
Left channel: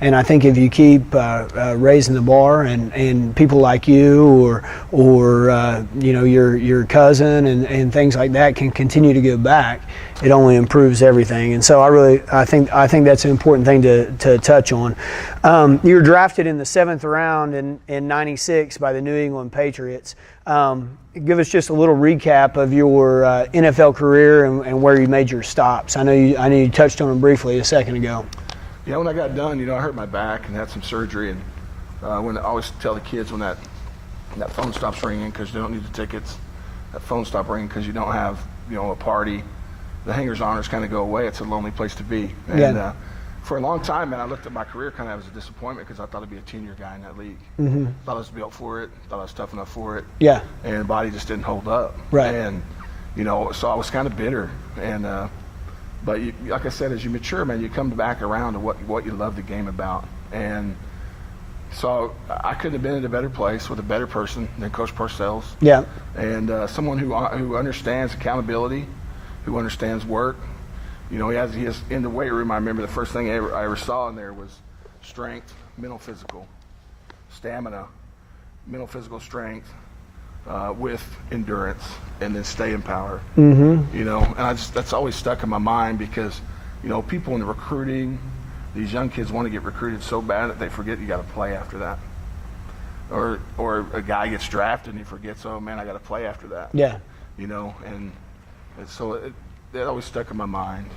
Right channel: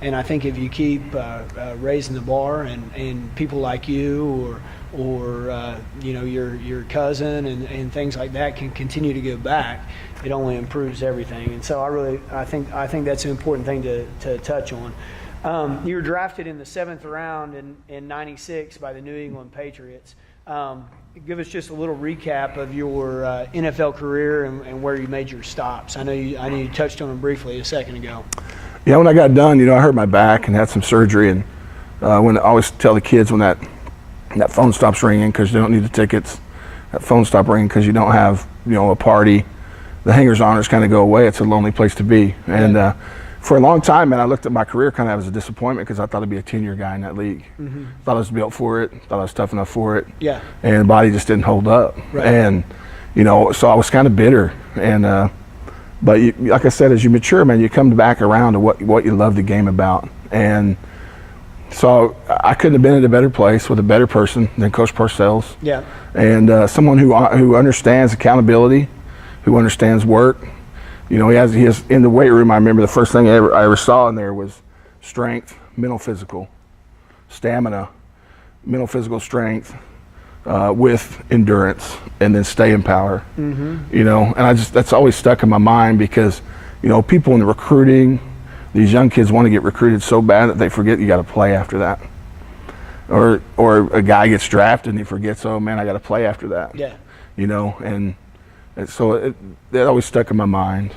and I think if you keep raising the bar, and people like you or your cousin and things like that can continue to give back, it only improves everything. And so I think that's an important thing to touch on. You were drafted in the 7th round in '96 by the New England Patriots. Give us just a little recap of your NFL career and where you made your stops. I know you touched on them briefly a second ago. Yeah, when I got done, I hurt my back and had some surgery, and when I always tell the kids when that That phone stops ringing because you don't need the tickets. That phone stops ringing because you don't have, a party. The hangers honors kind of go away. It's a lonely place to be. And for a long time, man, I looked at my career kind of as a disappointment because I thought I'd be a 10-year guy in that league. Thought I was built for it. Thought I was tough enough for it. Yeah. And the body just didn't hold up. Right. And so I was kind of bitter. And but like I said, as you mature, man, you come back around to what you love the game about. And so I couldn't have been in a better place with a better person than Coach Parcells. Yeah. And someone who understands accountability, who understands work. He has in the weight room. I remember the first thing I ever saw in there was strength, mental, physical, stamina, mental, physical strength with endurance, and then staying power. And that's always stuck in my mind because, people in the recruiting, these young kids want to get recruited so bad that they forget you got to play after that. Or a guy gets drafted and he forgets, oh man, I got to play after that. Yeah. And so that always stuck in my mind.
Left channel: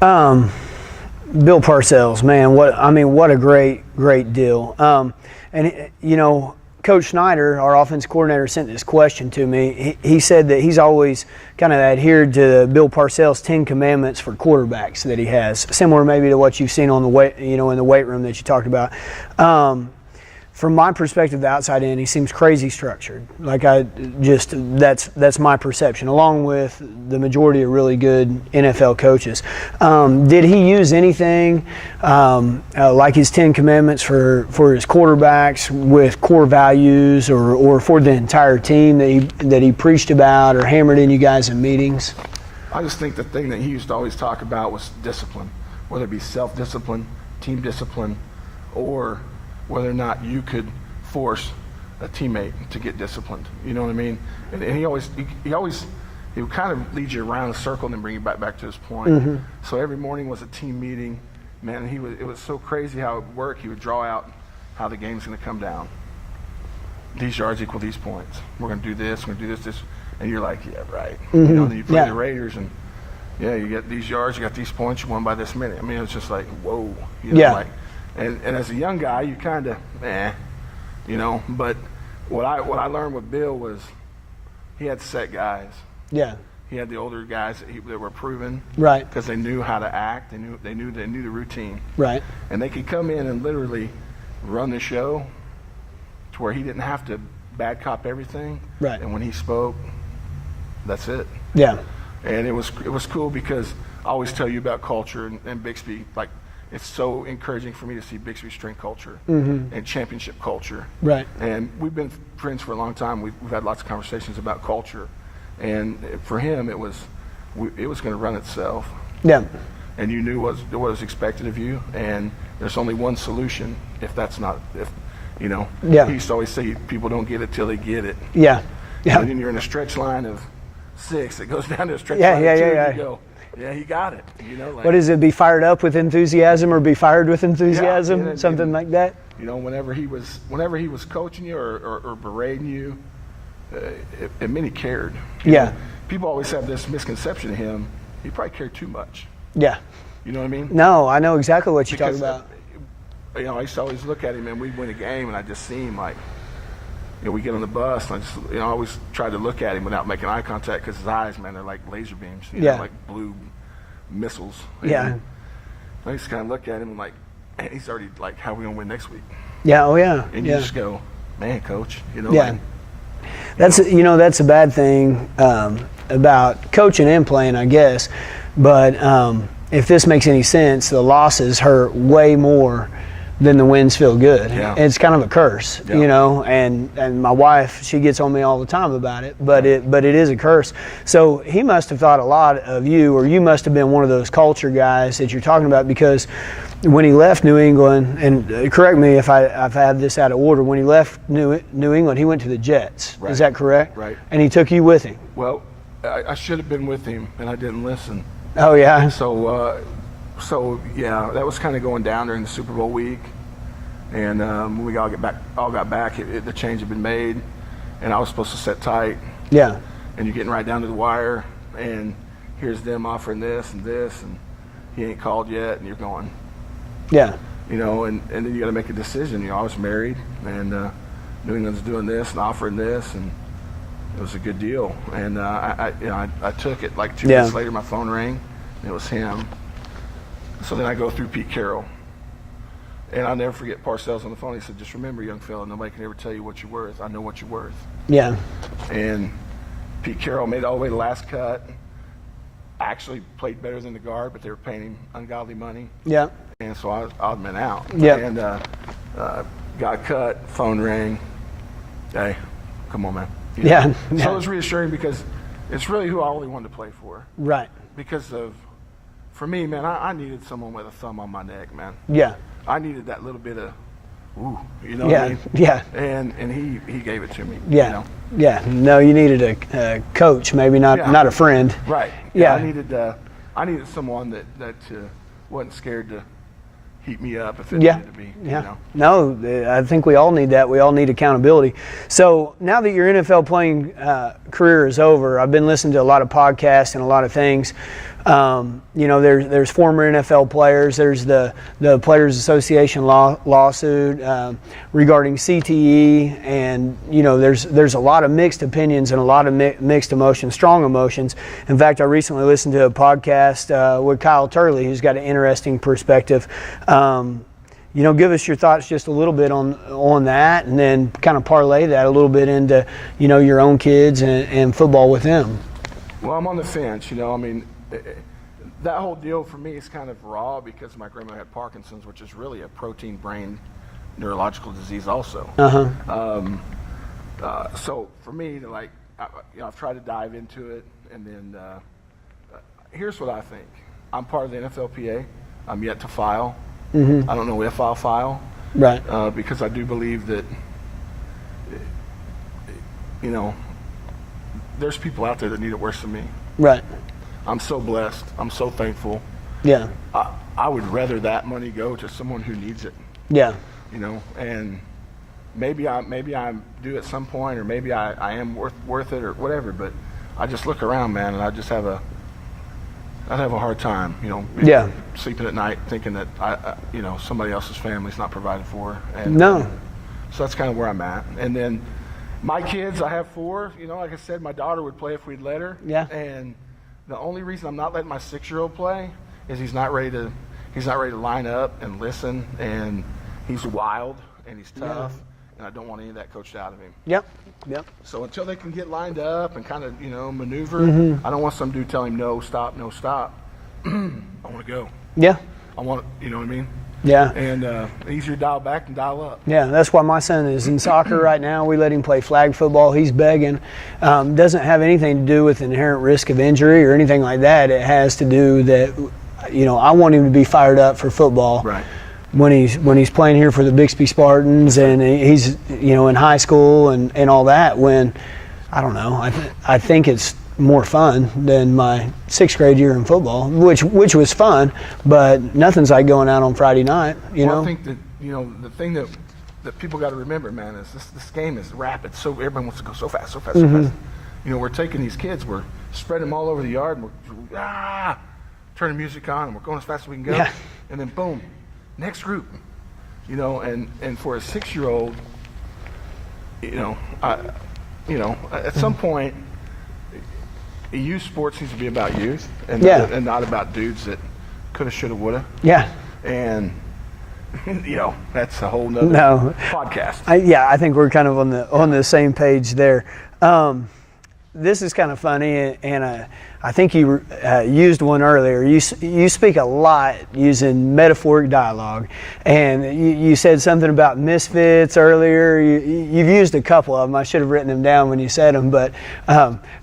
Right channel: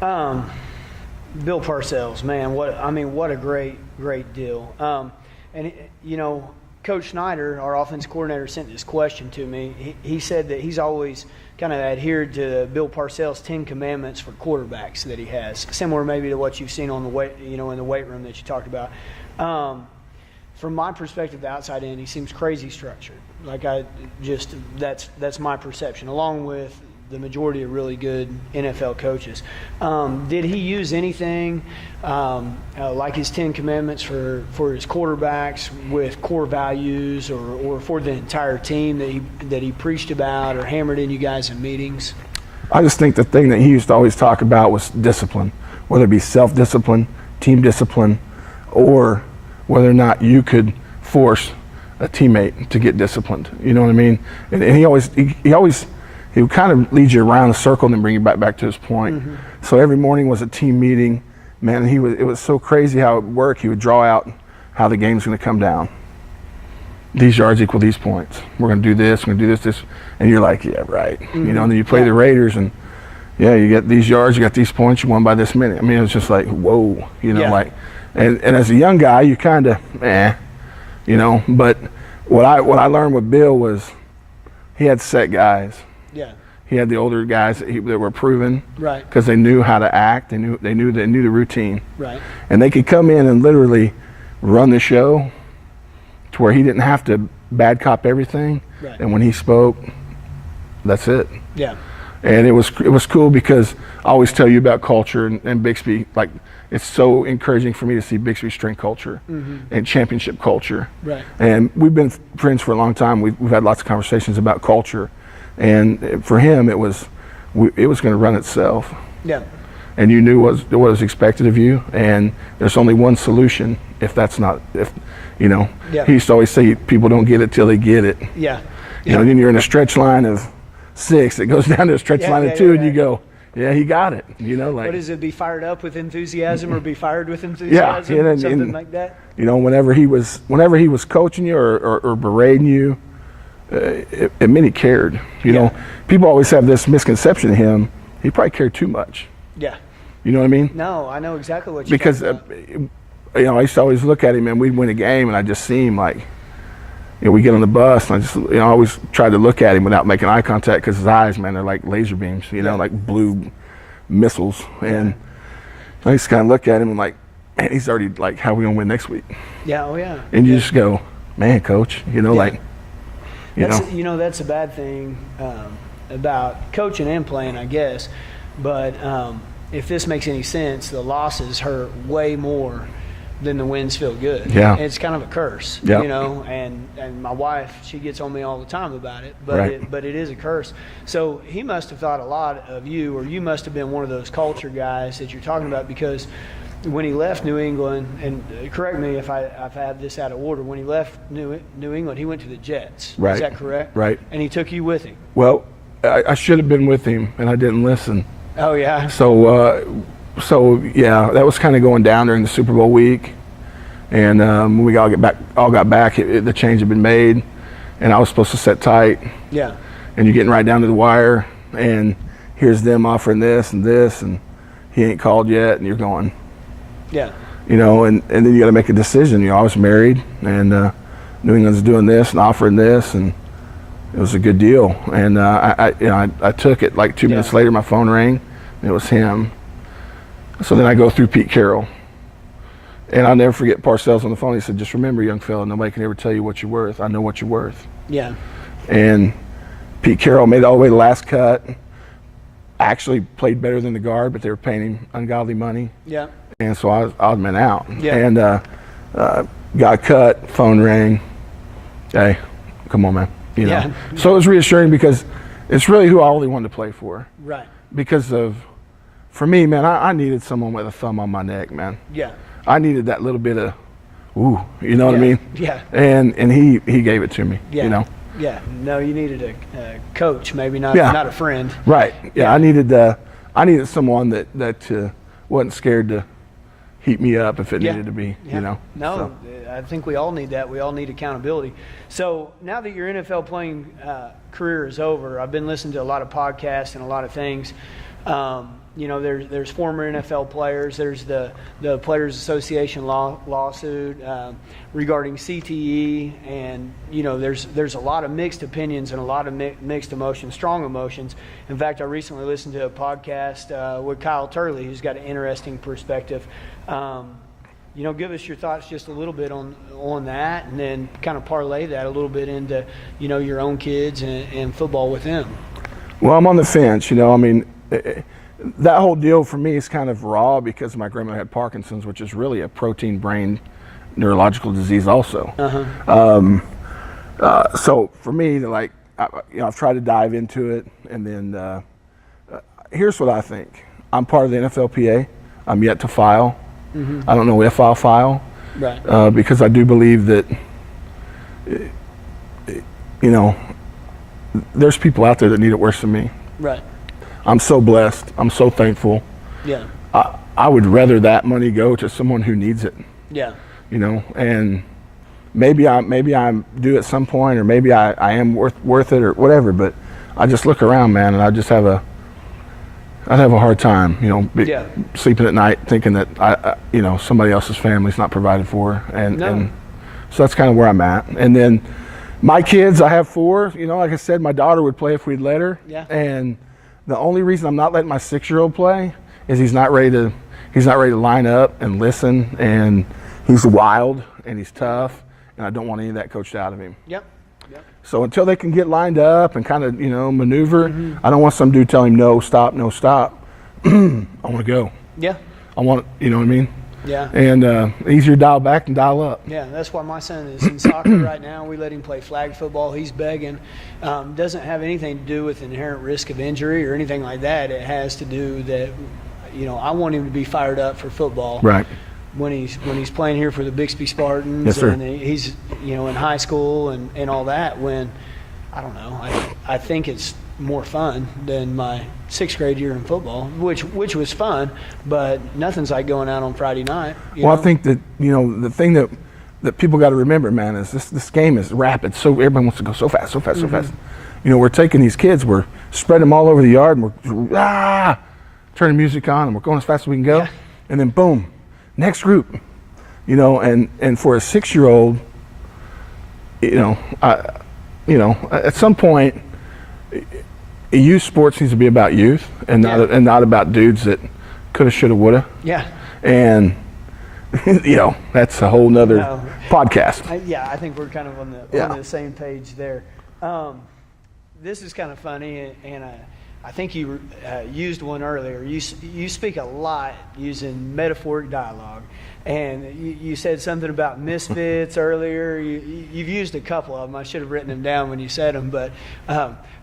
Bill Parcells, man, what a great deal. Coach Schneider, our offense coordinator, sent this question to me. He said that he's always kind of adhered to Bill Parcells' 10 commandments for quarterbacks that he has, similar maybe to what you've seen on the weight, in the weight room that you talked about. From my perspective, the outside in, he seems crazy structured. That's my perception, along with the majority of really good NFL coaches. Did he use anything like his 10 commandments for his quarterbacks with core values, or for the entire team that he preached about or hammered in you guys in meetings? I just think the thing that he used to always talk about was discipline, whether it be self-discipline, team discipline, or whether or not you could force a teammate to get disciplined. You know what I mean? And he would kind of lead you around the circle and then bring you back to his point. So every morning was a team meeting. Man, it was so crazy how it worked. He would draw out how the game's going to come down. These yards equal these points. We're going to do this, we're going to do this. And you're like, yeah, right. And then you play the Raiders and you get these yards, you got these points, you won by this many. I mean, it was just like, whoa, And as a young guy, you kind of, But what I learned with Bill was he had set guys. Yeah. He had the older guys that were proven. Right. Because they knew how to act. They knew the routine. Right. And they could come in and literally run the show to where he didn't have to bad cop everything. Right. And when he spoke, that's it. Yeah. And it was cool because I always tell you about culture and Bixby, it's so encouraging for me to see Bixby strength culture and championship culture. Right. And we've been friends for a long time. We've had lots of conversations about culture. And for him, it was going to run itself. Yeah. And you knew what was expected of you. And there's only one solution Yeah. He used to always say people don't get it till they get it. Yeah. And then you're in a stretch line of 6. It goes down to a stretch line of 2 and you go, yeah, he got it. What is it? Be fired up with enthusiasm or be fired with enthusiasm? Something like that. Whenever he was coaching you or berating you, it meant he cared. You know, people always have this misconception of him. He probably cared too much. Yeah. You know what I mean? No, I know exactly what you're talking about. Because I used to always look at him and we'd win a game and I just see him like, we get on the bus and I just, I always tried to look at him without making eye contact because his eyes, man, they're like laser beams, like blue missiles. And I used to kind of look at him and like, man, he's already like, how are we going to win next week? Yeah, oh yeah. And you just go, man, coach, That's a bad thing about coaching and playing, I guess. But if this makes any sense, the losses hurt way more than the wins feel good. Yeah. It's kind of a curse, and my wife, she gets on me all the time about it, but it is a curse. So he must have thought a lot of you, or you must have been one of those culture guys that you're talking about, because when he left New England, and correct me if I've had this out of order, when he left New England, he went to the Jets. Right. Is that correct? Right. And he took you with him. Well, I should have been with him, and I didn't listen. Oh, yeah? So yeah, that was kind of going down during the Super Bowl week, and when we all got back, the change had been made, and I was supposed to sit tight. Yeah. And you're getting right down to the wire, and here's them offering this, and he ain't called yet, and you're going. Yeah. And then you got to make a decision. I was married, and New England's doing this and offering this, and it was a good deal. And I took it. Like 2 minutes later, my phone rang, and it was him. So then I go through Pete Carroll, and I'll never forget Parcells on the phone. He said, "Just remember, young fella, nobody can ever tell you what you're worth. I know what you're worth." Yeah. And Pete Carroll made it all the way to the last cut. Actually played better than the guard, but they were paying him ungodly money. Yeah. And so I was odd man out. Yeah. And got cut, phone rang. Hey, come on, man. You know? Yeah. So it was reassuring because it's really who I only wanted to play for. Right. Because for me, man, I needed someone with a thumb on my neck, man. Yeah. I needed that little bit of, ooh, you know what I mean? Yeah. And he gave it to me. Yeah. You know? Yeah. No, you needed a coach, maybe not a friend. Right. Yeah. I needed someone that wasn't scared to heat me up if it needed to be. Yeah. You know. No, I think we all need that. We all need accountability. So now that your NFL playing career is over, I've been listening to a lot of podcasts and a lot of things. You know, there's former NFL players. There's the Players Association lawsuit regarding CTE, and you know, there's a lot of mixed opinions and a lot of mixed emotions, strong emotions. In fact, I recently listened to a podcast with Kyle Turley, who's got an interesting perspective. You know, give us your thoughts just a little bit on that, and then kind of parlay that a little bit into, you know, your own kids and football with them. Well, I'm on the fence. You know, I mean, that whole deal for me is kind of raw because my grandma had Parkinson's, which is really a protein brain neurological disease also. So for me, like, I've tried to dive into it, and then here's what I think. I'm part of the NFLPA. I'm yet to file. I don't know if I'll file, right? Because I do believe that, you know, there's people out there that need it worse than me. Right. I'm so blessed. I'm so thankful. Yeah. I would rather that money go to someone who needs it. Yeah. You know, and maybe I'm due at some point, or maybe I am worth it or whatever. But I just look around, man, and I just have a hard time, you know, sleeping at night thinking that you know, somebody else's family's not provided for, and so that's kind of where I'm at. And then my kids, I have 4. You know, like I said, my daughter would play if we'd let her. Yeah. And the only reason I'm not letting my 6-year-old play is he's not ready to line up and listen, and he's wild and he's tough, and I don't want any of that coached out of him. Yep. So until they can get lined up and kind of, you know, maneuver, I don't want some dude telling him no, stop. I want to go. Yeah. I want, you know what I mean? Yeah. And easier to dial back than dial up. Yeah, that's why my son is in soccer right now. We let him play flag football. He's begging. Doesn't have anything to do with inherent risk of injury or anything like that. It has to do that, you know, I want him to be fired up for football. Right. When he's playing here for the Bixby Spartans, yes, and he's, you know, in high school and all that, when, I don't know, I think it's more fun than my 6th grade year in football, which was fun, but nothing's like going out on Friday night. You know? I think that, you know, the thing that people got to remember, man, is this game is rapid. So everybody wants to go so fast. You know, we're taking these kids, we're spreading them all over the yard, and we're turning music on, and we're going as fast as we can go, and then boom, next group. You know, and for a 6-year-old, you know, at some point, youth sports needs to be about youth and not about dudes that coulda, shoulda, woulda. Yeah. And you know, that's a whole nother podcast. I think we're kind of on the same page there. This is kind of funny, and I think you used one earlier. You speak a lot using metaphoric dialogue, and you said something about misfits earlier. You've used a couple of them. I should have written them down when you said them, but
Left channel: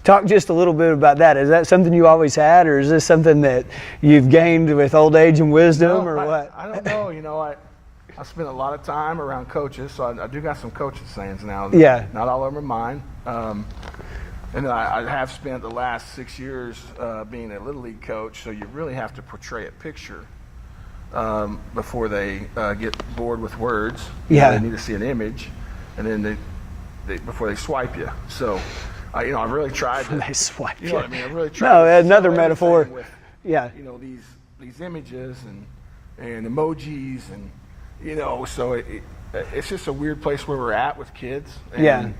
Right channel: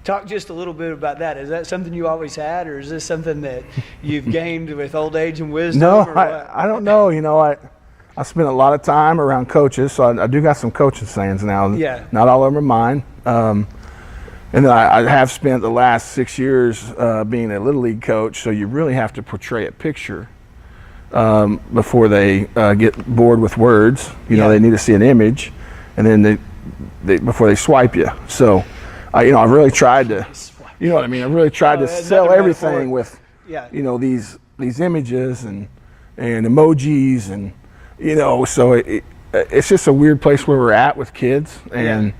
talk just a little bit about that. Is that something you always had, or is this something that you've gained with old age and wisdom? No, or what? I don't know. You know, I spent a lot of time around coaches, so I do got some coaching sayings now. Yeah. Not all of them are mine. And then I have spent the last 6 years being a Little League coach, so you really have to portray a picture before they get bored with words. You know, they need to see an image, and then they before they swipe you. So, you know, I've really tried to, you know what I mean? I've really tried to sell everything with, you know, these images and emojis, and, you know, so it's just a weird place where we're at with kids, and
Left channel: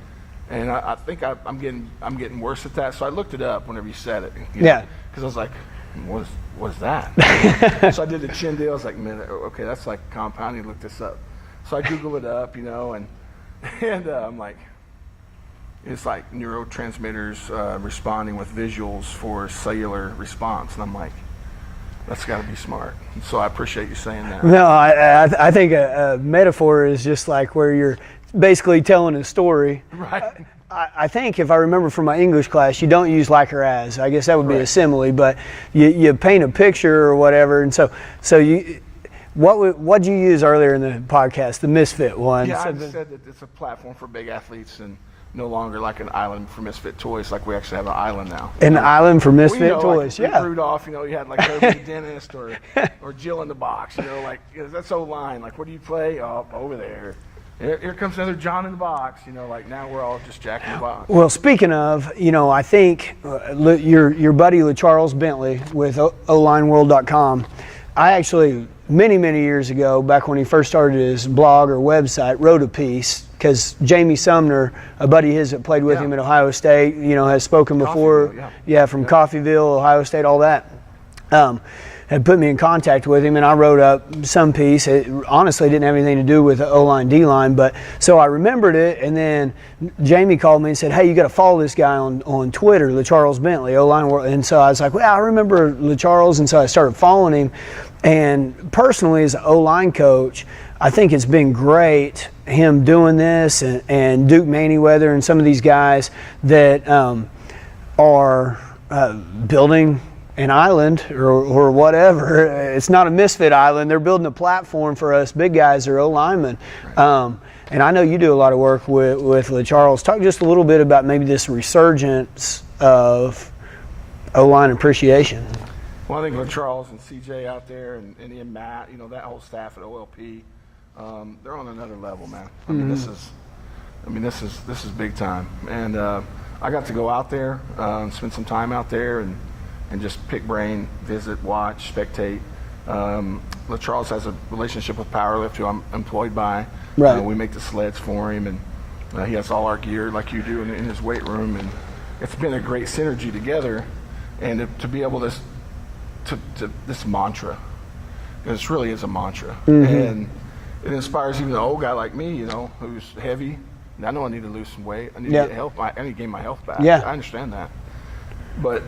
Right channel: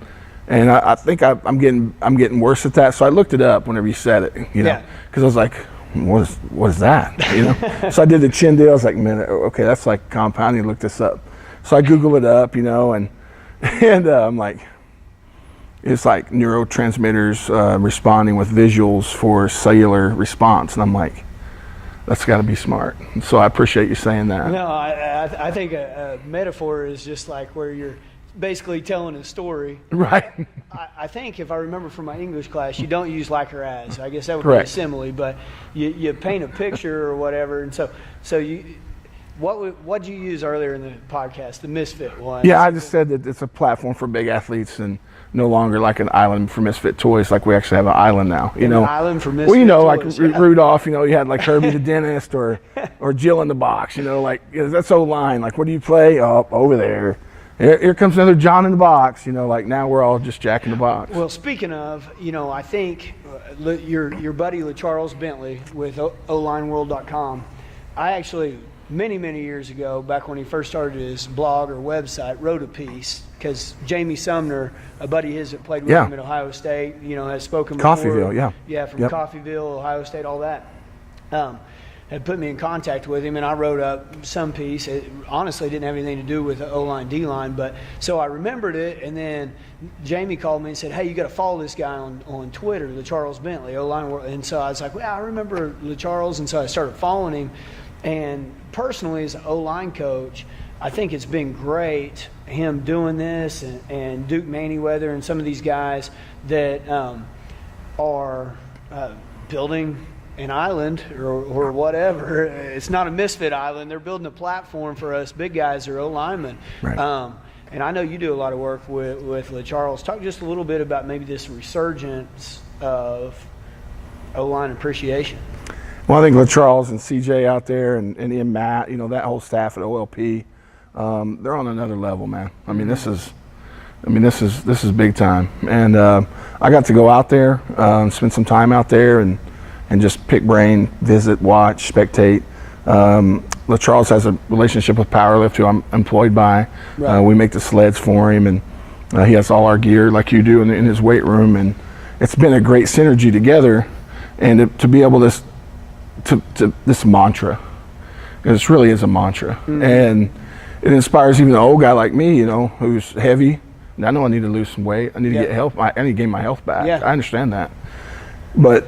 I think I'm getting worse at that. So I looked it up whenever you said it, because I was like, what is that? So I did the chin deal. I was like, man, okay, that's like compounding. Look this up. So I Googled it up, and I'm like, it's like neurotransmitters responding with visuals for cellular response, and I'm like, that's got to be smart. So I appreciate you saying that. No, I think a metaphor is just like where you're basically telling a story. Right. I think if I remember from my English class, you don't use like or as. I guess that would Correct. be a simile, but you paint a picture or whatever. And so you, what'd you use earlier in the podcast? The misfit one. Yeah, I just said that it's a platform for big athletes and no longer like an island for misfit toys. Like we actually have an island now. An island for misfit toys. Like Rudolph. You had like Herbie the dentist or Jill in the box. Like that's O-line. Like, what do you play? Oh, over there. Here comes another John in the box, like now we're all just Jack in the box. Well, speaking of, I think your buddy LeCharles Bentley with OLineWorld.com, I actually, many, many years ago, back when he first started his blog or website, wrote a piece because Jamie Sumner, a buddy of his that played with him at Ohio State, has spoken before. Coffeyville, from Coffeyville, Ohio State, all that. Had put me in contact with him, and I wrote up some piece. It honestly didn't have anything to do with the O-line, D-line, but so I remembered it, and then Jamie called me and said, hey, you got to follow this guy on Twitter, LeCharles Bentley, O-line World. And so I was like, well, I remember LeCharles, and so I started following him. And personally, as an O-line coach, I think it's been great, him doing this, and Duke Manyweather and some of these guys that are building an island or whatever. It's not a misfit island. They're building a platform for us big guys or O-linemen. Right. And I know you do a lot of work with LeCharles. Talk just a little bit about maybe this resurgence of O-line appreciation. Well, I think LeCharles and CJ out there and Ian Matt, that whole staff at OLP, they're on another level, man. I mean, this is big time. And I got to go out there, spend some time out there, and just pick brain, visit, watch, spectate. LeCharles has a relationship with Powerlift, who I'm employed by. Right. We make the sleds for him, and he has all our gear like you do in his weight room. And it's been a great synergy together, and to be able to this mantra, because it really is a mantra. Mm-hmm. And it inspires even an old guy like me, who's heavy. And I know I need to lose some weight. I need to get help. I need to gain my health back. Yeah. I understand that. But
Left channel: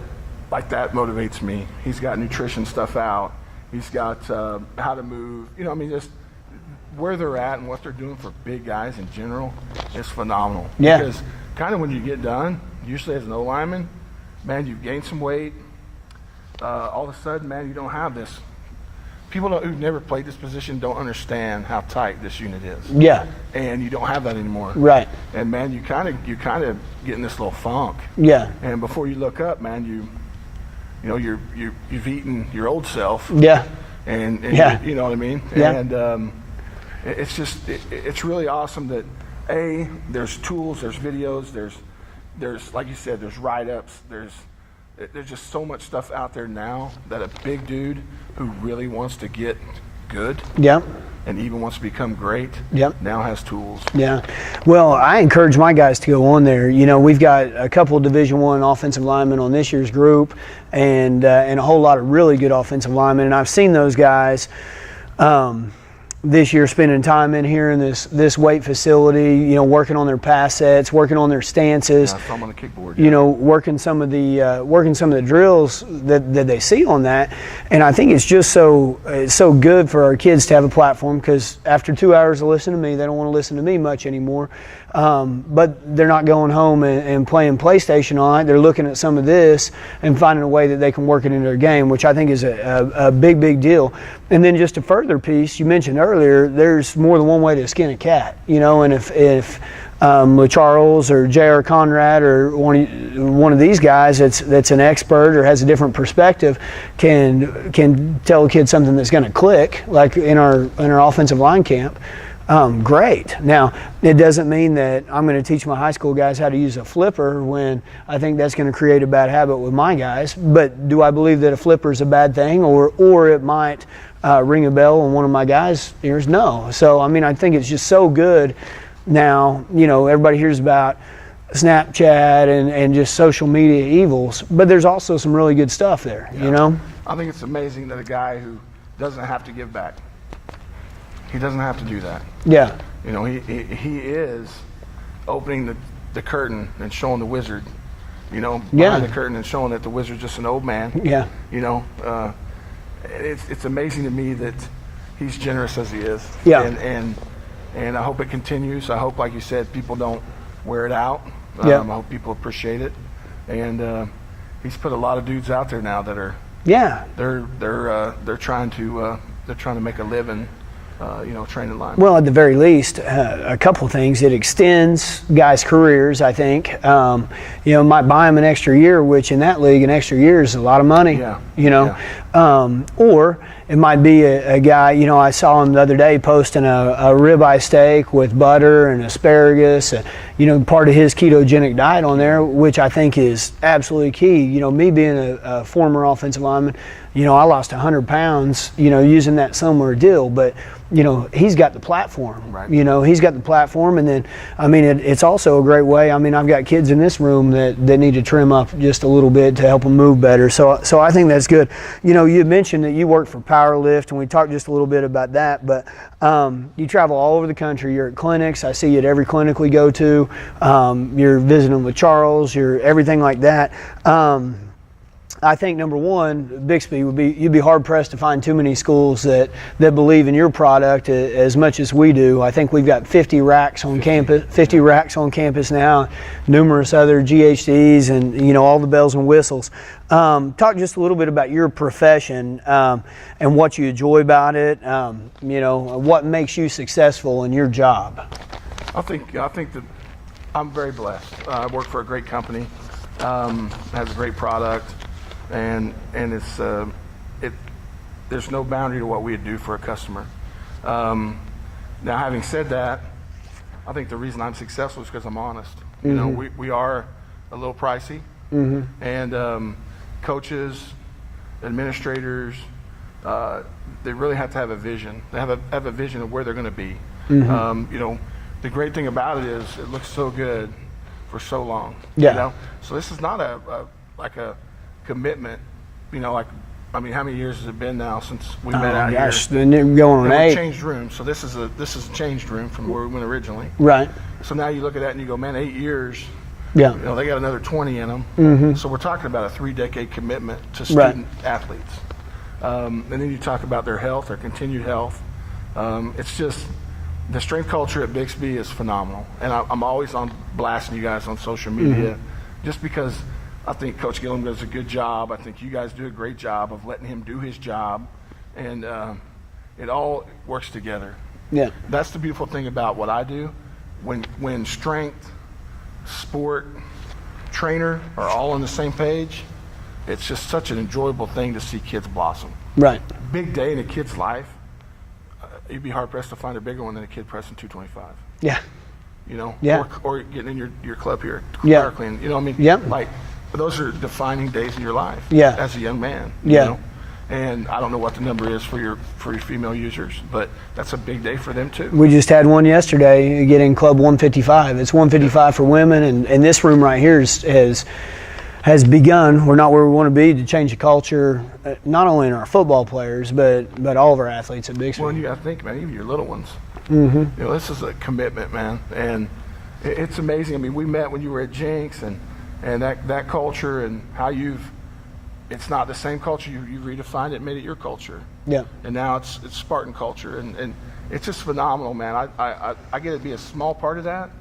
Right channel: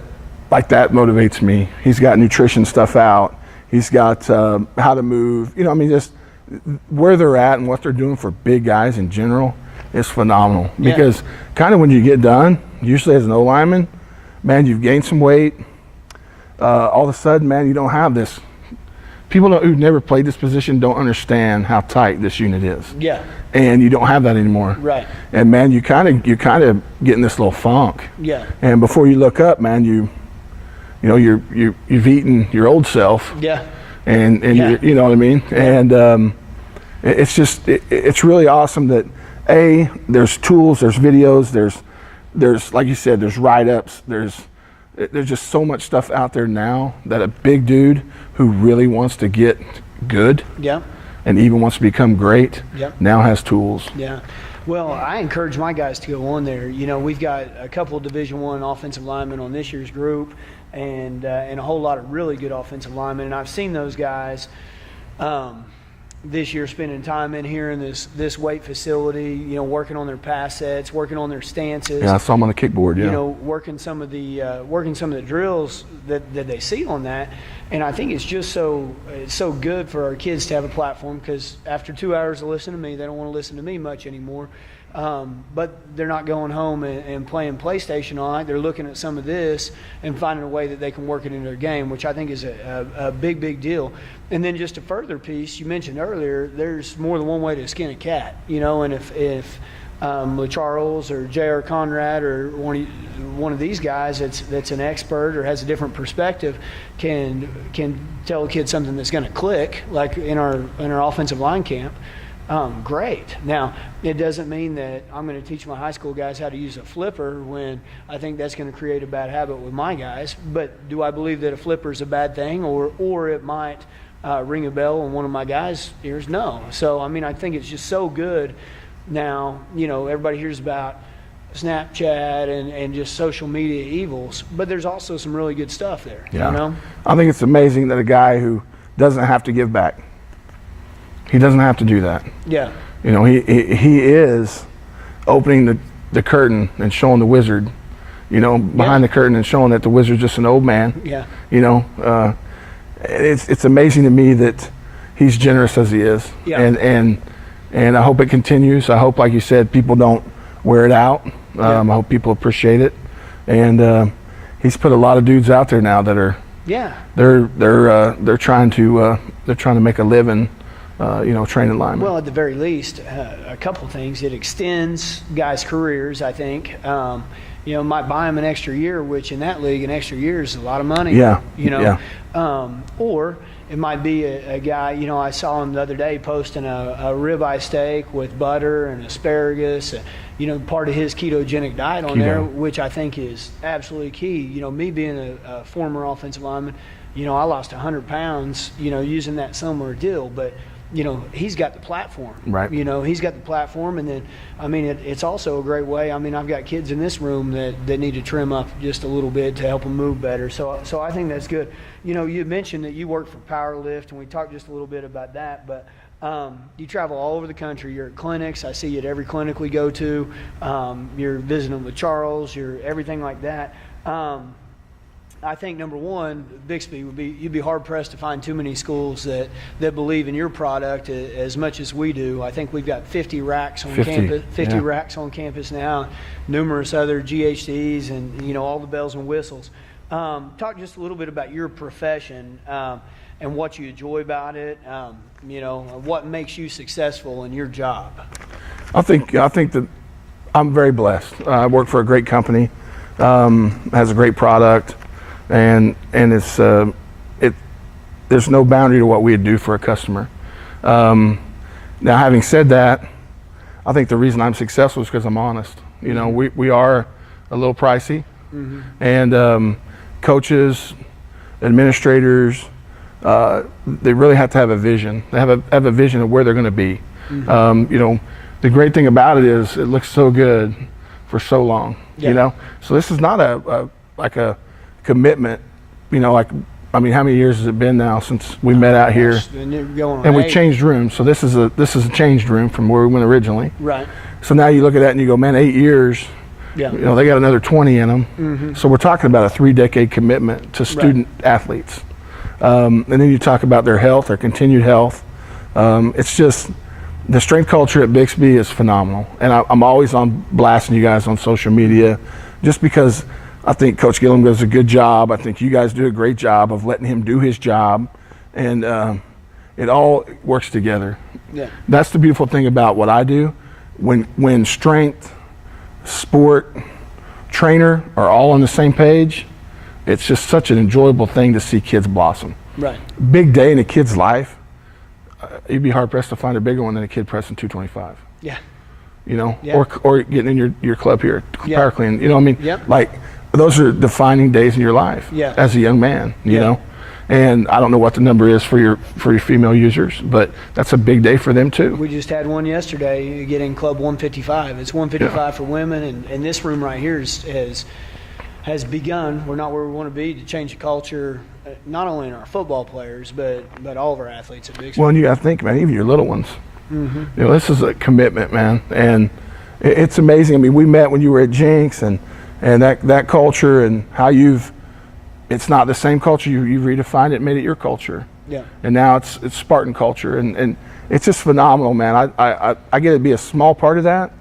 like that motivates me. He's got nutrition stuff out. He's got how to move. Just where they're at and what they're doing for big guys in general is phenomenal. Yeah. Because kind of when you get done, usually as an O-lineman, man, you've gained some weight. All of a sudden, man, you don't have this. People who've never played this position don't understand how tight this unit is. Yeah. And you don't have that anymore. Right. And man, you kind of get in this little funk. Yeah. And before you look up, man, you've eaten your old self. Yeah. And you know what I mean? Yeah. And it's really awesome that there's tools, there's videos, there's like you said, there's write-ups, there's just so much stuff out there now that a big dude who really wants to get good. Yeah. And even wants to become great, now has tools. Yeah. Well, I encourage my guys to go on there. We've got a couple of Division I offensive linemen on this year's group, and a whole lot of really good offensive linemen. And I've seen those guys this year spending time in here in this weight facility, working on their pass sets, working on their stances. Yeah, I saw them on the kickboard. Yeah. Working some of the drills that they see on that. And I think it's just it's so good for our kids to have a platform, because after 2 hours of listening to me, they don't want to listen to me much anymore. But they're not going home and playing PlayStation all night. They're looking at some of this and finding a way that they can work it into their game, which I think is a big, big deal. And then just a further piece, you mentioned earlier, there's more than one way to skin a cat, and if LeCharles or J.R. Conrad or one of these guys that's an expert or has a different perspective can tell a kid something that's going to click, like in our offensive line camp. Great. Now, it doesn't mean that I'm going to teach my high school guys how to use a flipper when I think that's going to create a bad habit with my guys. But do I believe that a flipper is a bad thing, or it might ring a bell on one of my guys' ears? No. So, I mean, I think it's just so good now. You know, everybody hears about Snapchat and just social media evils, but there's also some really good stuff there, you know? I think it's amazing that a guy who doesn't have to give back, he doesn't have to do that. Yeah. You know, he is opening the curtain and showing the wizard, you know, behind the curtain and showing that the wizard's just an old man. Yeah. You know, it's amazing to me that he's generous as he is. Yeah. And I hope it continues. I hope, like you said, people don't wear it out. I hope people appreciate it. And he's put a lot of dudes out there now that are they're trying to make a living, you know, training linemen. Well, at the very least, a couple of things. It extends guys' careers, I think. You know, might buy them an extra year, which in that league, an extra year is a lot of money. Yeah. You know, or it might be a guy, you know, I saw him the other day posting a ribeye steak with butter and asparagus, you know, part of his ketogenic diet on there, which I think is absolutely key. You know, me being a former offensive lineman, you know, I lost 100 pounds, you know, using that similar deal, but you know, he's got the platform. Right. You know, he's got the platform, and then, I mean, it's also a great way. I mean, I've got kids in this room that need to trim up just a little bit to help them move better. So I think that's good. You know, you mentioned that you worked for Powerlift, and we talked just a little bit about that, but you travel all over the country. You're at clinics. I see you at every clinic we go to. You're visiting with Charles. You're everything like that. I think number one, Bixby you'd be hard pressed to find too many schools that believe in your product as much as we do. I think we've got 50 racks on campus, 50 racks on campus now, numerous other GHDs, and you know, all the bells and whistles. Talk just a little bit about your profession and what you enjoy about it. You know, what makes you successful in your job. I think that I'm very blessed. I work for a great company, has a great product. And it's there's no boundary to what we'd do for a customer. Now, having said that, I think the reason I'm successful is because I'm honest. You know, we are a little pricey, and coaches, administrators, they really have to have a vision. They have a vision of where they're going to be. You know, the great thing about it is it looks so good for so long. You know, so this is not like a commitment, you know, like, I mean, how many years has it been now since we met out here? And we changed rooms, so this is a changed room from where we went originally. Right. So now you look at that and you go, man, 8 years. Yeah. You know, they got another 20 in them. So we're talking about a 3-decade commitment to student athletes, and then you talk about their health, their continued health. It's just the strength culture at Bixby is phenomenal, and I'm always on blasting you guys on social media, just because. I think Coach Gillum does a good job. I think you guys do a great job of letting him do his job, and it all works together. Yeah, that's the beautiful thing about what I do. When strength, sport, trainer are all on the same page, it's just such an enjoyable thing to see kids blossom. Right. Big day in a kid's life. You'd be hard pressed to find a bigger one than a kid pressing 225. Yeah. You know, or getting in your club here, power clean. You know what I mean? Yeah. Like. Those are defining days in your life as a young man, you know. And I don't know what the number is for your female users, but that's a big day for them too. We just had one yesterday getting Club 155. It's 155 for women, and this room right here has begun. We're not where we want to be to change the culture, not only in our football players, but all of our athletes at Bixby. Well, and you got to think, man, even your little ones. You know, this is a commitment, man, and it's amazing. I mean, we met when you were at Jinx, and that culture and how it's not the same culture, you've redefined it, made it your culture. Yeah. And now it's Spartan culture, and it's just phenomenal, man. I get to be a small part of that,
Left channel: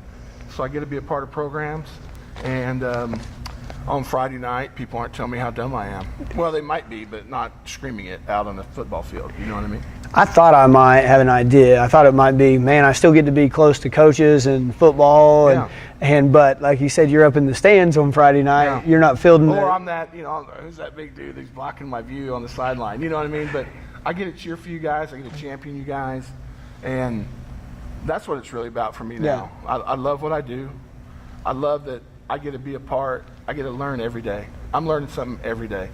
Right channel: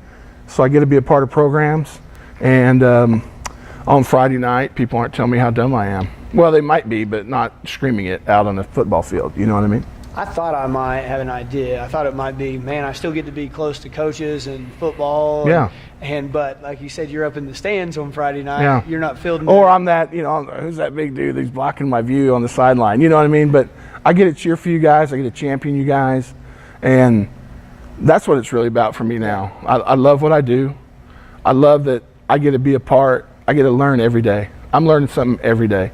so I get to be a part of programs, and on Friday night, people aren't telling me how dumb I am. Well, they might be, but not screaming it out on the football field, you know what I mean? I thought I might have an idea. I thought it might be, man, I still get to be close to coaches and football. But like you said, you're up in the stands on Friday night. Yeah. You're not fielding. Or I'm that, you know, who's that big dude that's blocking my view on the sideline? You know what I mean? But I get to cheer for you guys. I get to champion you guys. And that's what it's really about for me now. I love what I do. I love that I get to be a part. I get to learn every day. I'm learning something every day.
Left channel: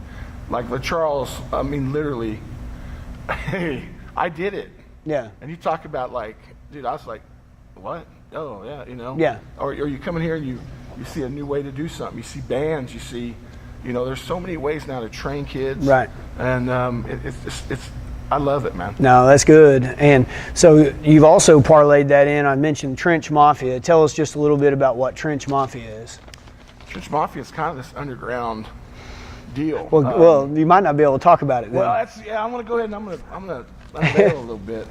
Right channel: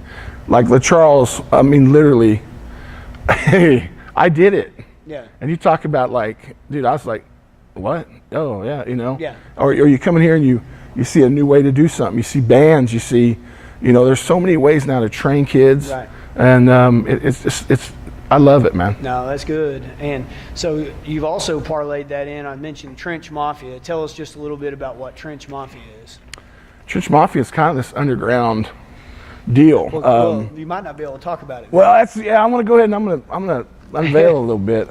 Like LaCharles, I mean, literally, hey, I did it. Yeah. And you talk about like, dude, I was like, what? Oh yeah, you know. Yeah. Or you come in here and you see a new way to do something. You see bands. You see, you know, there's so many ways now to train kids. Right. And it's I love it, man. No, that's good. And so you've also parlayed that in. I mentioned Trench Mafia. Tell us just a little bit about what Trench Mafia is. Trench Mafia is kind of this underground deal. Well, you might not be able to talk about it now. Well, I'm going to go ahead and I'm going to unveil a little bit.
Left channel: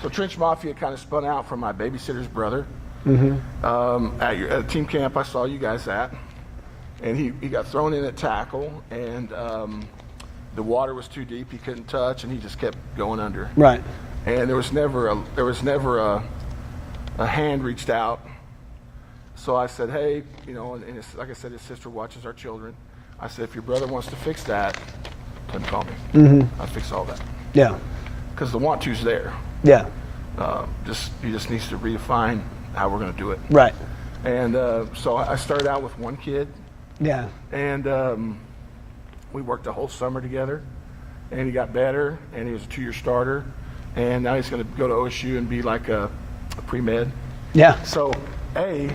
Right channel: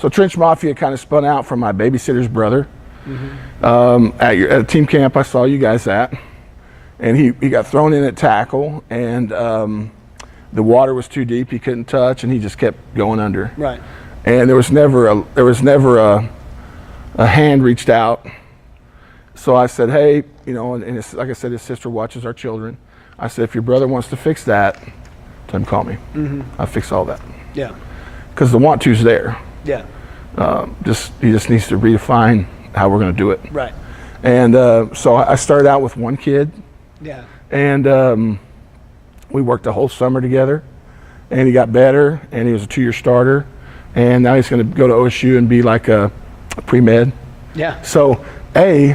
So Trench Mafia kind of spun out from my babysitter's brother. At a team camp I saw you guys at, and he got thrown in at tackle, and the water was too deep, he couldn't touch, and he just kept going under. Right. And there was never a hand reached out. So I said, hey, you know, and like I said, his sister watches our children. I said, if your brother wants to fix that, tell him to call me. I'll fix all that. Yeah. Because the want to's there. Yeah. He just needs to redefine how we're going to do it. Right. And so I started out with one kid. Yeah. And we worked the whole summer together. And he got better, and he was a 2-year starter. And now he's going to go to OSU and be like a pre-med. Yeah. So, A,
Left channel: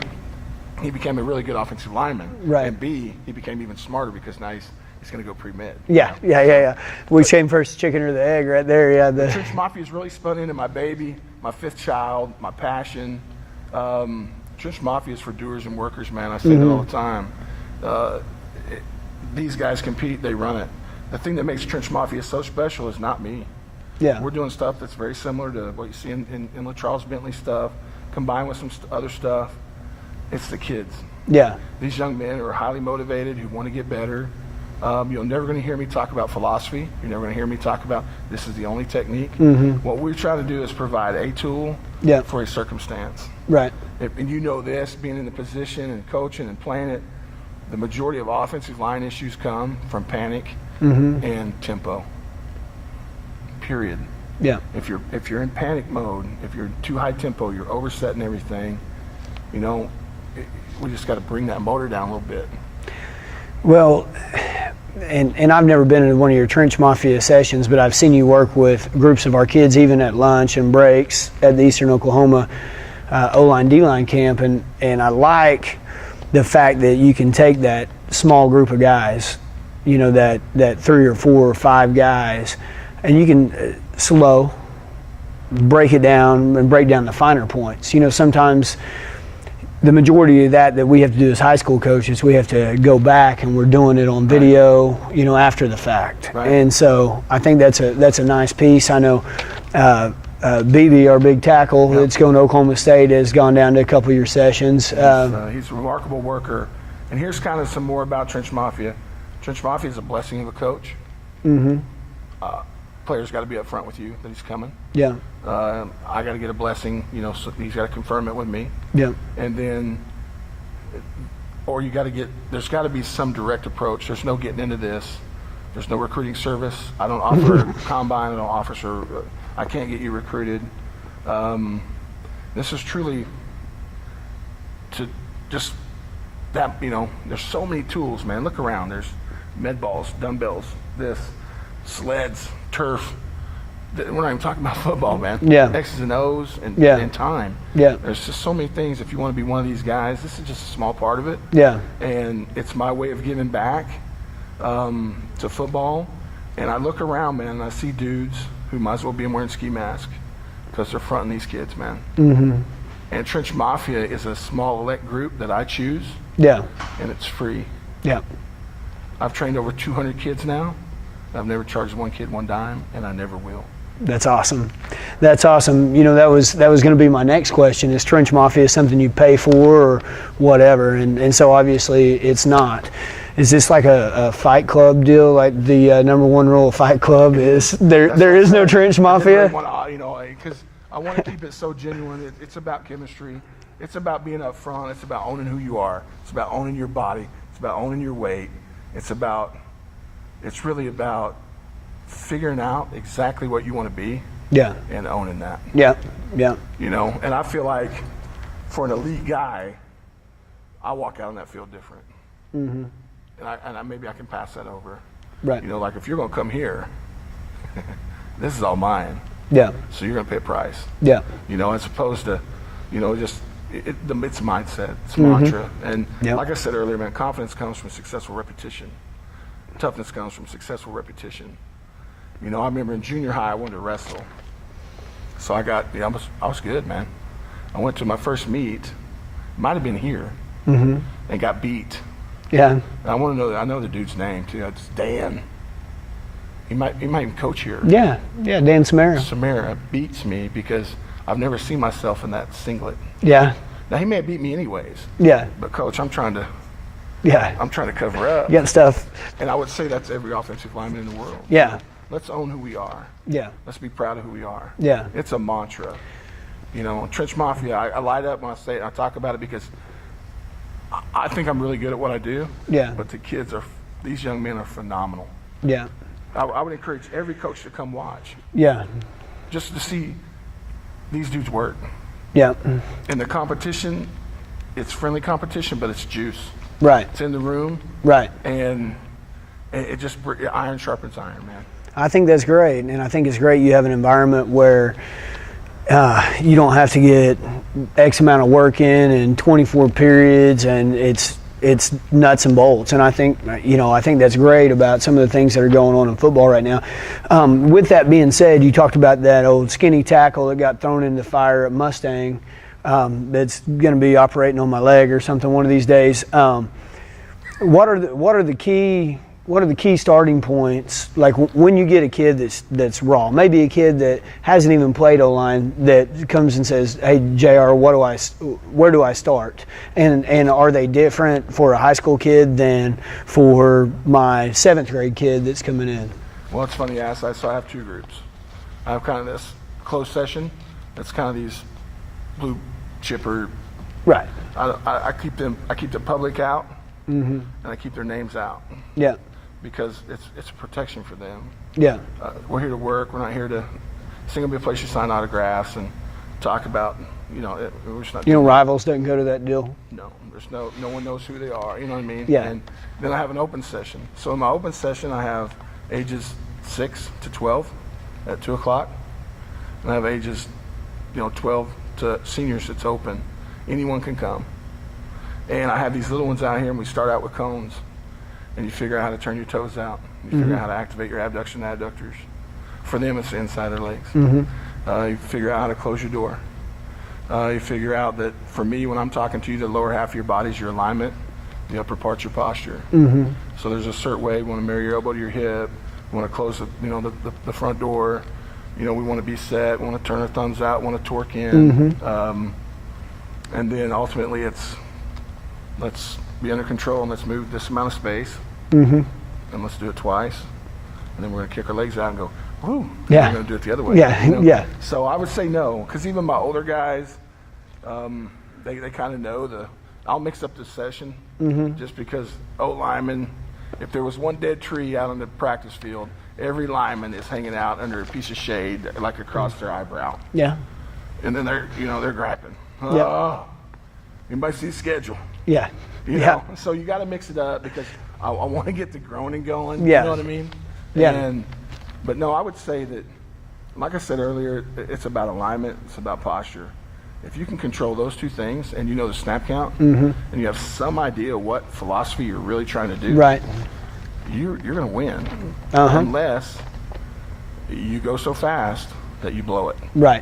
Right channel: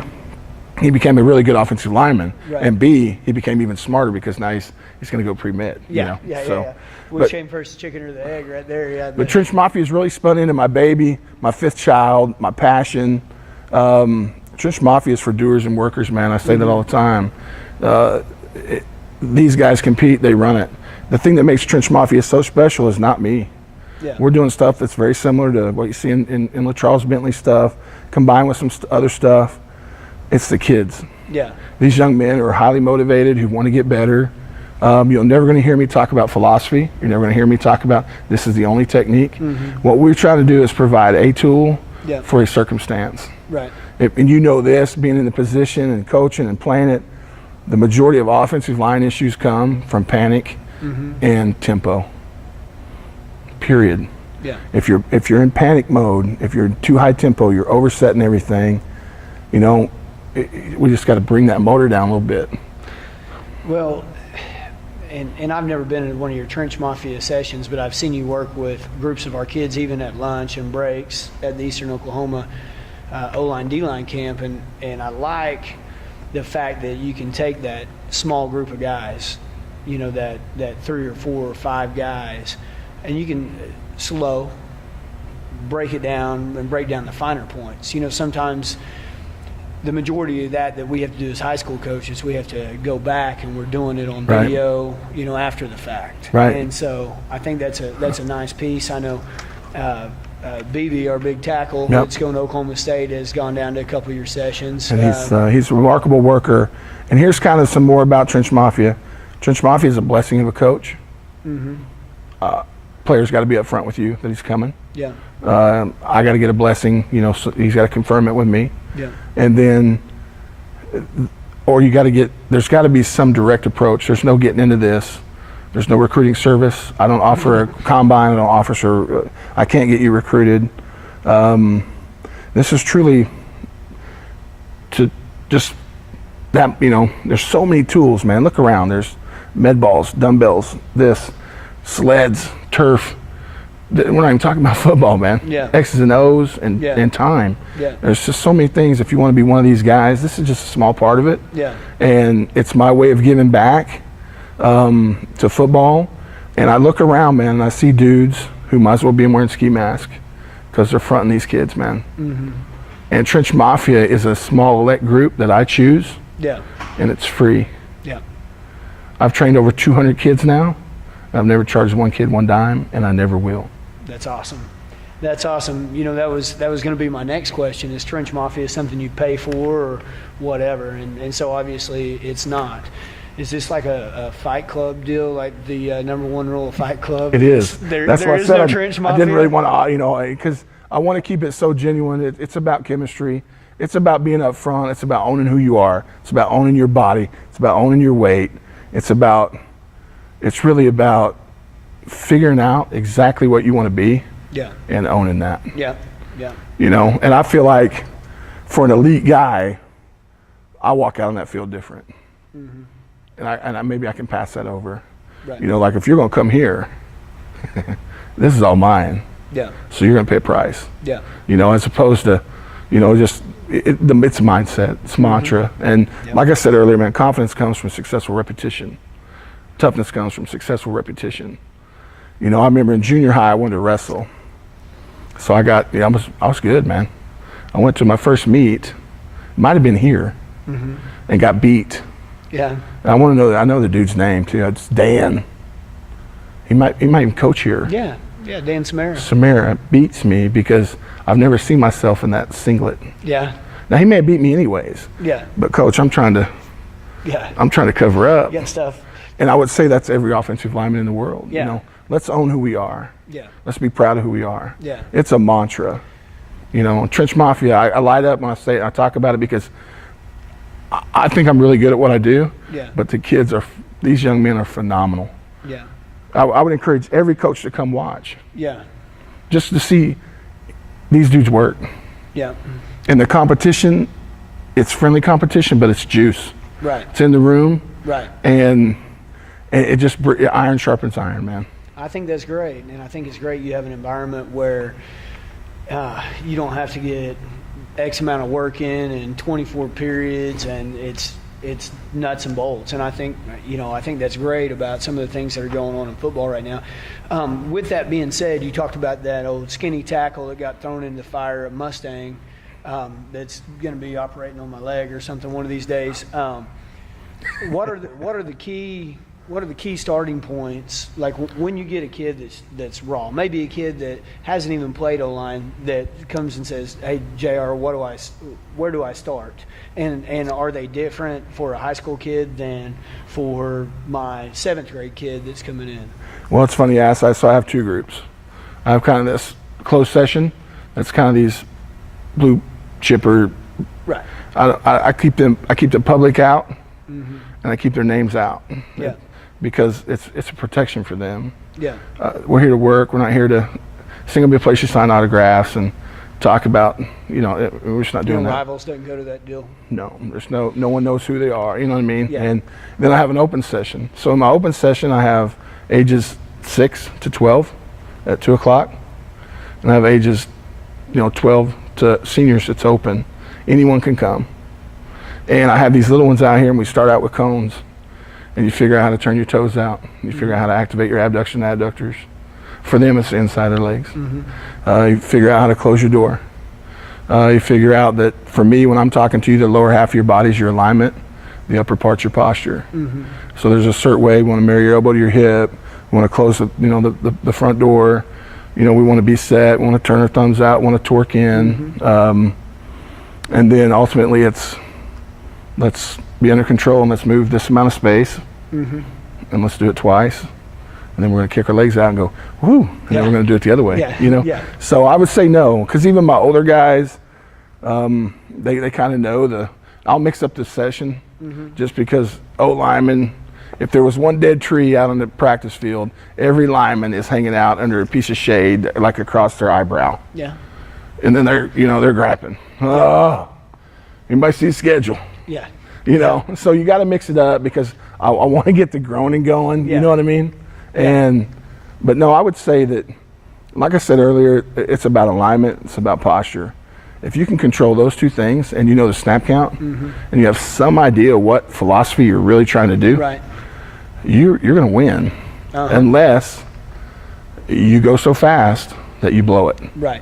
he became a really good offensive lineman. Right. And B, he became even smarter because now he's going to go pre-med. Yeah, you know? yeah. We came first, chicken or the egg, right there. Yeah. The Trench Mafia has really spun into my baby, my 5th child, my passion. Trench Mafia is for doers and workers, man. I say that all the time. These guys compete, they run it. The thing that makes Trench Mafia so special is not me. Yeah. We're doing stuff that's very similar to what you see in LaCharles Bentley stuff, combined with some other stuff. It's the kids. Yeah. These young men who are highly motivated, who want to get better. You're never going to hear me talk about philosophy. You're never going to hear me talk about this is the only technique. What we're trying to do is provide a tool for a circumstance. Right. And you know this, being in the position and coaching and playing it, the majority of offensive line issues come from panic and tempo. Period. Yeah. If you're in panic mode, if you're too high tempo, you're oversetting everything. You know, we just got to bring that motor down a little bit. Well, and I've never been in one of your Trench Mafia sessions, but I've seen you work with groups of our kids, even at lunch and breaks at the Eastern Oklahoma O-line, D-line camp, and I like the fact that you can take that small group of guys, you know, that 3 or 4 or 5 guys, and you can break it down and break down the finer points. You know, sometimes the majority of that we have to do as high school coaches, we have to go back and we're doing it on video, you know, after the fact. Right. And so I think that's a nice piece. I know Bixby, our big tackle, that's going to Oklahoma State, has gone down to a couple of your sessions. He's a remarkable worker. And here's kind of some more about Trench Mafia. Trench Mafia is a blessing of a coach. Player's got to be up front with you that he's coming. Yeah. I got to get a blessing, you know, so he's got to confirm it with me. Yeah. And then, or there's got to be some direct approach. There's no getting into this. There's no recruiting service. I don't offer a combine. I don't offer, I can't get you recruited. This is truly to just that, you know, there's so many tools, man. Look around. There's med balls, dumbbells, sleds, turf. We're not even talking about football, man. Yeah. X's and O's and time. Yeah. There's just so many things. If you want to be one of these guys, this is just a small part of it. Yeah. And it's my way of giving back to football. And I look around, man, and I see dudes who might as well be wearing ski masks because they're fronting these kids, man. And Trench Mafia is a small elect group that I choose. Yeah. And it's free. Yeah. I've trained over 200 kids now. I've never charged one kid one dime, and I never will. That's awesome. That's awesome. You know, that was going to be my next question. Is Trench Mafia something you pay for or whatever? And so obviously it's not. Is this like a Fight Club deal, like the number one rule of Fight Club? It is. There is no Trench Mafia? I didn't really want to, you know, because I want to keep it so genuine. It's about chemistry. It's about being up front. It's about owning who you are. It's about owning your body. It's about owning your weight. It's really about figuring out exactly what you want to be. Yeah. And owning that. Yeah. Yeah. You know, and I feel like for an elite guy, I walk out on that field different. And maybe I can pass that over. Right. You know, like if you're going to come here, this is all mine. Yeah. So you're going to pay a price. Yeah. You know, as opposed to, you know, just it's mindset, it's mantra. And like I said earlier, man, confidence comes from successful repetition. Toughness comes from successful repetition. You know, I remember in junior high, I wanted to wrestle. So I was good, man. I went to my first meet, might have been here, and got beat. Yeah. And I want to know, I know the dude's name too. It's Dan. He might even coach here. Yeah, yeah, Dan Samara. Samara beats me because I've never seen myself in that singlet. Yeah. Now he may have beat me anyways. Yeah. But coach, I'm trying to cover up. You got stuff. And I would say that's every offensive lineman in the world. Yeah. You know? Let's own who we are. Yeah. Let's be proud of who we are. Yeah. It's a mantra. You know, Trench Mafia, I light up when I talk about it because I think I'm really good at what I do. Yeah. But these young men are phenomenal. Yeah. I would encourage every coach to come watch. Yeah. Just to see these dudes work. Yeah. And the competition, it's friendly competition, but it's juice. Right. It's in the room. Right. And it just, iron sharpens iron, man. I think that's great. And I think it's great you have an environment where you don't have to get X amount of work in 24 periods, and it's nuts and bolts. And I think that's great about some of the things that are going on in football right now. With that being said, you talked about that old skinny tackle that got thrown in the fire at Mustang that's going to be operating on my leg or something one of these days. What are the key starting points? Like when you get a kid that's raw, maybe a kid that hasn't even played O-line that comes and says, "Hey, JR, where do I start?" And are they different for a high school kid than for my 7th grade kid that's coming in? Well, it's funny you ask that. So I have two groups. I have kind of this closed session. That's kind of these blue chipper. Right. I keep the public out, and I keep their names out. Yeah. Because it's a protection for them. Yeah. We're here to work. We're not here to. It's going to be a place you sign autographs and talk about. You know, we're just not doing that. Rivals doesn't go to that deal. No, there's no one knows who they are. You know what I mean? Yeah. And then I have an open session. So in my open session, I have ages 6 to 12 at 2 o'clock, and I have ages, 12 to seniors. It's open. Anyone can come. And I have these little ones out here, and we start out with cones. And you figure out how to turn your toes out. You figure out how to activate your abduction adductors. For them, it's the inside of their legs. You figure out how to close your door. You figure out that, for me, when I'm talking to you, the lower half of your body is your alignment, the upper part's your posture. So there's a certain way. You want to marry your elbow to your hip. You want to close the front door. We want to be set. We want to turn our thumbs out. We want to torque in. And then ultimately it's, let's be under control and let's move this amount of space, and let's do it twice, and then we're going to kick our legs out and go, whoo, and then we're going to do it the other way. So I would say no, because even my older guys, they kind of know I'll mix up the session, just because O-linemen, if there was one dead tree out on the practice field, every lineman is hanging out under a piece of shade, like across their eyebrow. Yeah. And then they're grappling. Oh, anybody see the schedule? Yeah. So you got to mix it up, because I want to get the groaning going. Yeah. You know what I mean? Yeah. But no, I would say that, like I said earlier, it's about alignment. It's about posture. If you can control those two things, and you know the snap count, and you have some idea what philosophy you're really trying to do, right, you're going to win, unless you go so fast that you blow it. Right.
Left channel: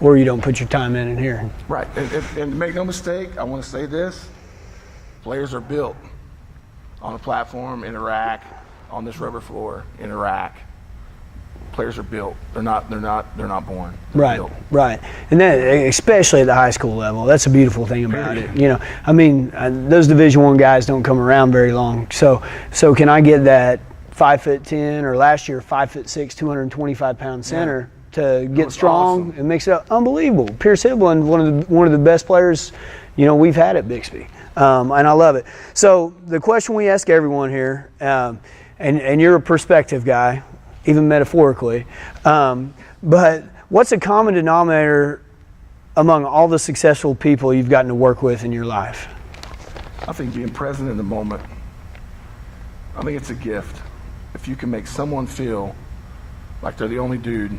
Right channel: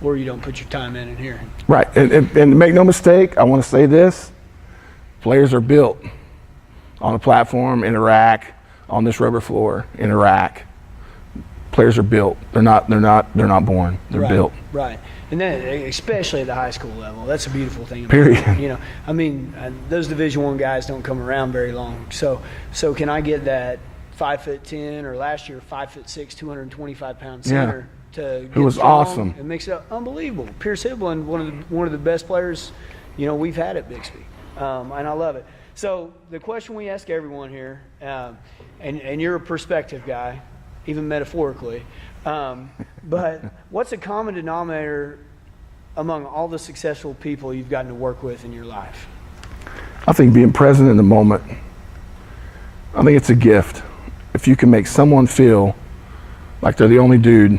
Or you don't put your time in here. Right, and make no mistake, I want to say this: players are built on a platform in Iraq, on this rubber floor in Iraq. Players are built. They're not born. They're built. Right, and then especially at the high school level, that's a beautiful thing about it. Those Division I guys don't come around very long. So can I get that 5'10", or last year 5'6", 225-pound center? To get strong, awesome. It makes it unbelievable. Pierce Hiblin, one of the best players, we've had at Bixby, and I love it. So the question we ask everyone here, and you're a perspective guy, even metaphorically, but what's a common denominator among all the successful people you've gotten to work with in your life? I think being present in the moment. I think it's a gift. If you can make someone feel like they're the only dude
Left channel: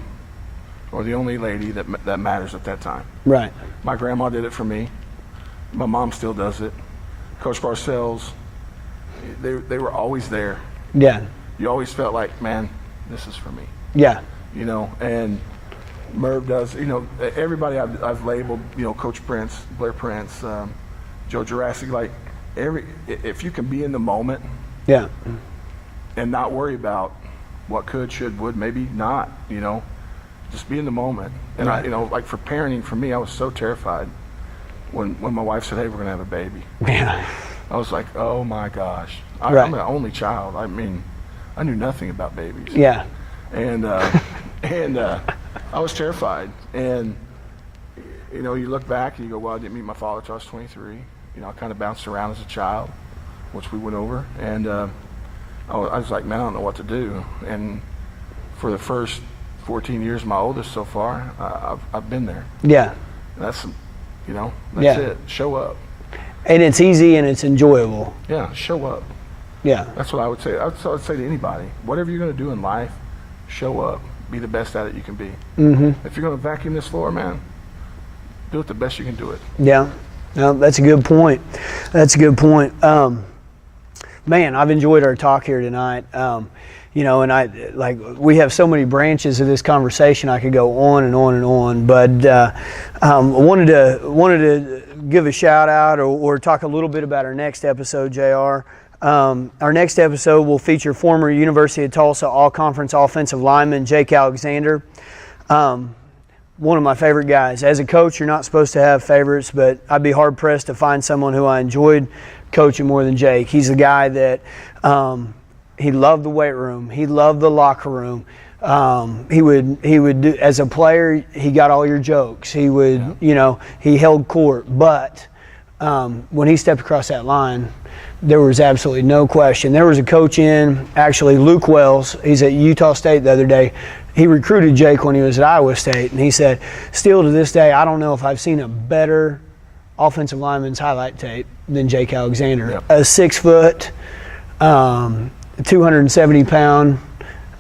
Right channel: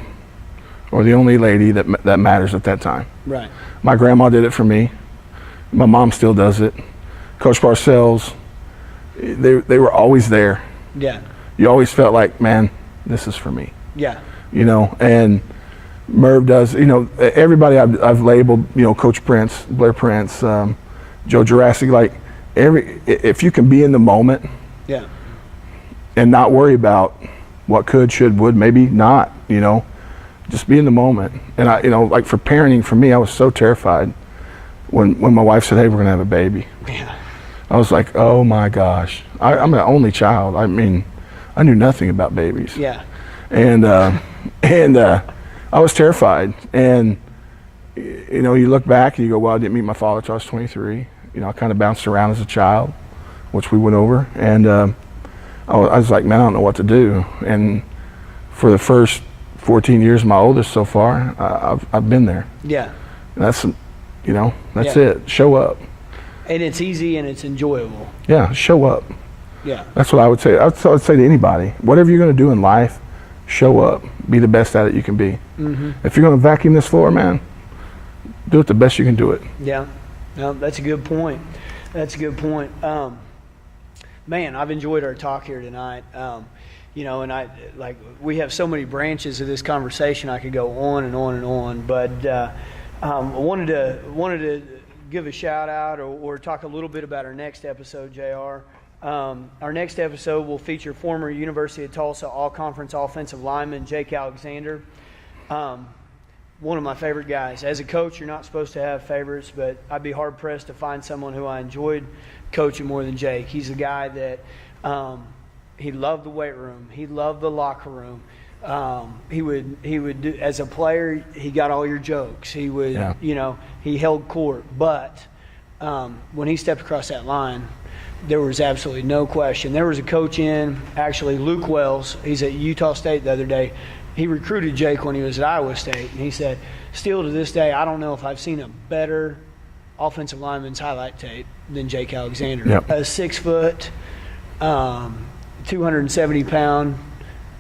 or the only lady that matters at that time. Right. My grandma did it for me. My mom still does it. Coach Parcells, they were always there. Yeah. You always felt like, man, this is for me. Yeah. You know, and Merv does, you know, everybody I've labeled, you know, Coach Prince, Blair Prince, Joe Jurassic, like if you can be in the moment, yeah, and not worry about what could, should, would, maybe not, you know, just be in the moment. And I, you know, like for parenting, for me, I was so terrified when my wife said, hey, we're gonna have a baby. Yeah. I was like, oh my gosh, I'm an only child. I mean, I knew nothing about babies. Yeah. And I was terrified. And you know, you look back and you go, well, I didn't meet my father until I was 23. You know, I kind of bounced around as a child, which we went over. And I was like, man, I don't know what to do. And for the first 14 years of my oldest so far, I've been there. Yeah. And that's, you know, that's it. Show up. And it's easy and it's enjoyable. Yeah, show up. Yeah. That's what I would say. That's what I would say to anybody. Whatever you're going to do in life, show up. Be the best at it you can be. Mm-hmm. If you're going to vacuum this floor, man, do it the best you can do it. Yeah. No, that's a good point. That's a good point. Man, I've enjoyed our talk here tonight. You know, and we have so many branches of this conversation. I could go on and on and on, but I wanted to give a shout out or talk a little bit about our next episode, JR. Our next episode will feature former University of Tulsa All-Conference offensive lineman Jake Alexander. One of my favorite guys. As a coach, you're not supposed to have favorites, but I'd be hard-pressed to find someone who I enjoyed coaching more than Jake. He's the guy that he loved the weight room. He loved the locker room. He would do, as a player, he got all your jokes. He would, you know, he held court. But when he stepped across that line, there was absolutely no question. There was a coach actually Luke Wells, he's at Utah State the other day. He recruited Jake when he was at Iowa State, and he said, still to this day, I don't know if I've seen a better offensive lineman's highlight tape than Jake Alexander. Yep. A 6 foot, 270-pound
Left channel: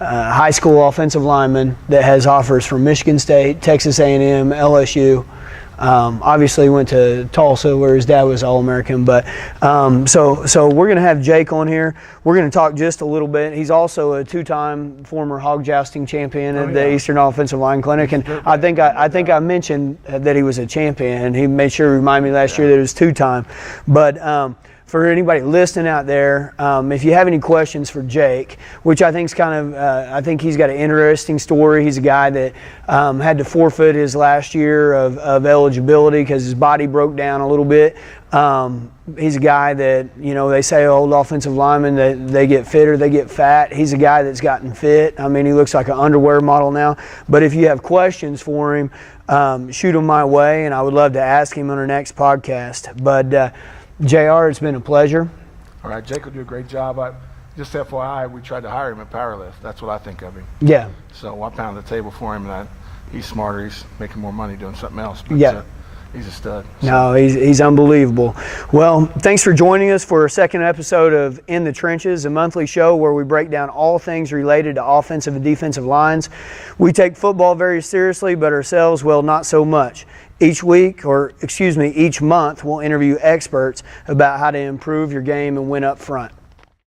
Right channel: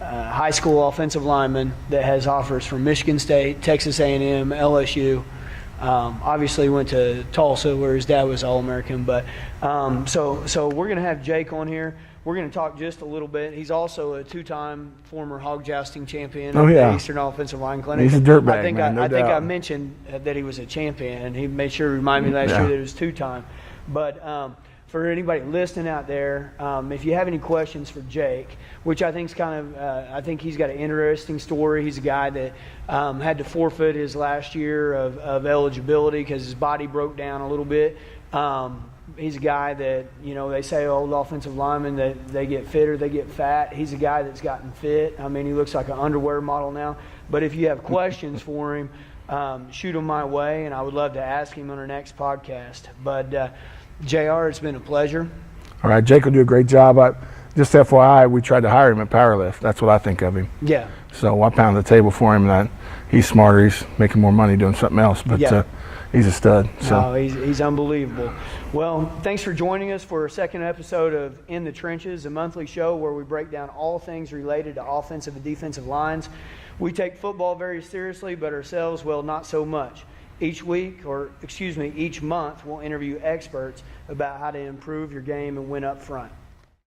high school offensive lineman that has offers from Michigan State, Texas A&M, LSU. Obviously went to Tulsa where his dad was All-American, but so we're going to have Jake on here. We're going to talk just a little bit. He's also a 2-time former hog jousting champion at the Eastern Offensive Line Clinic. And I think I mentioned that he was a champion, and he made sure to remind me last year that he was 2-time. But for anybody listening out there, if you have any questions for Jake, which I think is I think he's got an interesting story. He's a guy that had to forfeit his last year of eligibility because his body broke down a little bit. He's a guy that, you know, they say old offensive linemen that they get fit or they get fat. He's a guy that's gotten fit. I mean, he looks like an underwear model now. But if you have questions for him, shoot them my way, and I would love to ask him on our next podcast. But JR, it's been a pleasure. All right, Jake will do a great job. Just FYI, we tried to hire him at Powerlift. That's what I think of him. Yeah. So I pounded the table for him that he's smarter. He's making more money doing something else. But he's a stud. So. No, he's unbelievable. Well, thanks for joining us for a second episode of In the Trenches, a monthly show where we break down all things related to offensive and defensive lines. We take football very seriously, but ourselves, well, not so much. Each month, we'll interview experts about how to improve your game and win up front.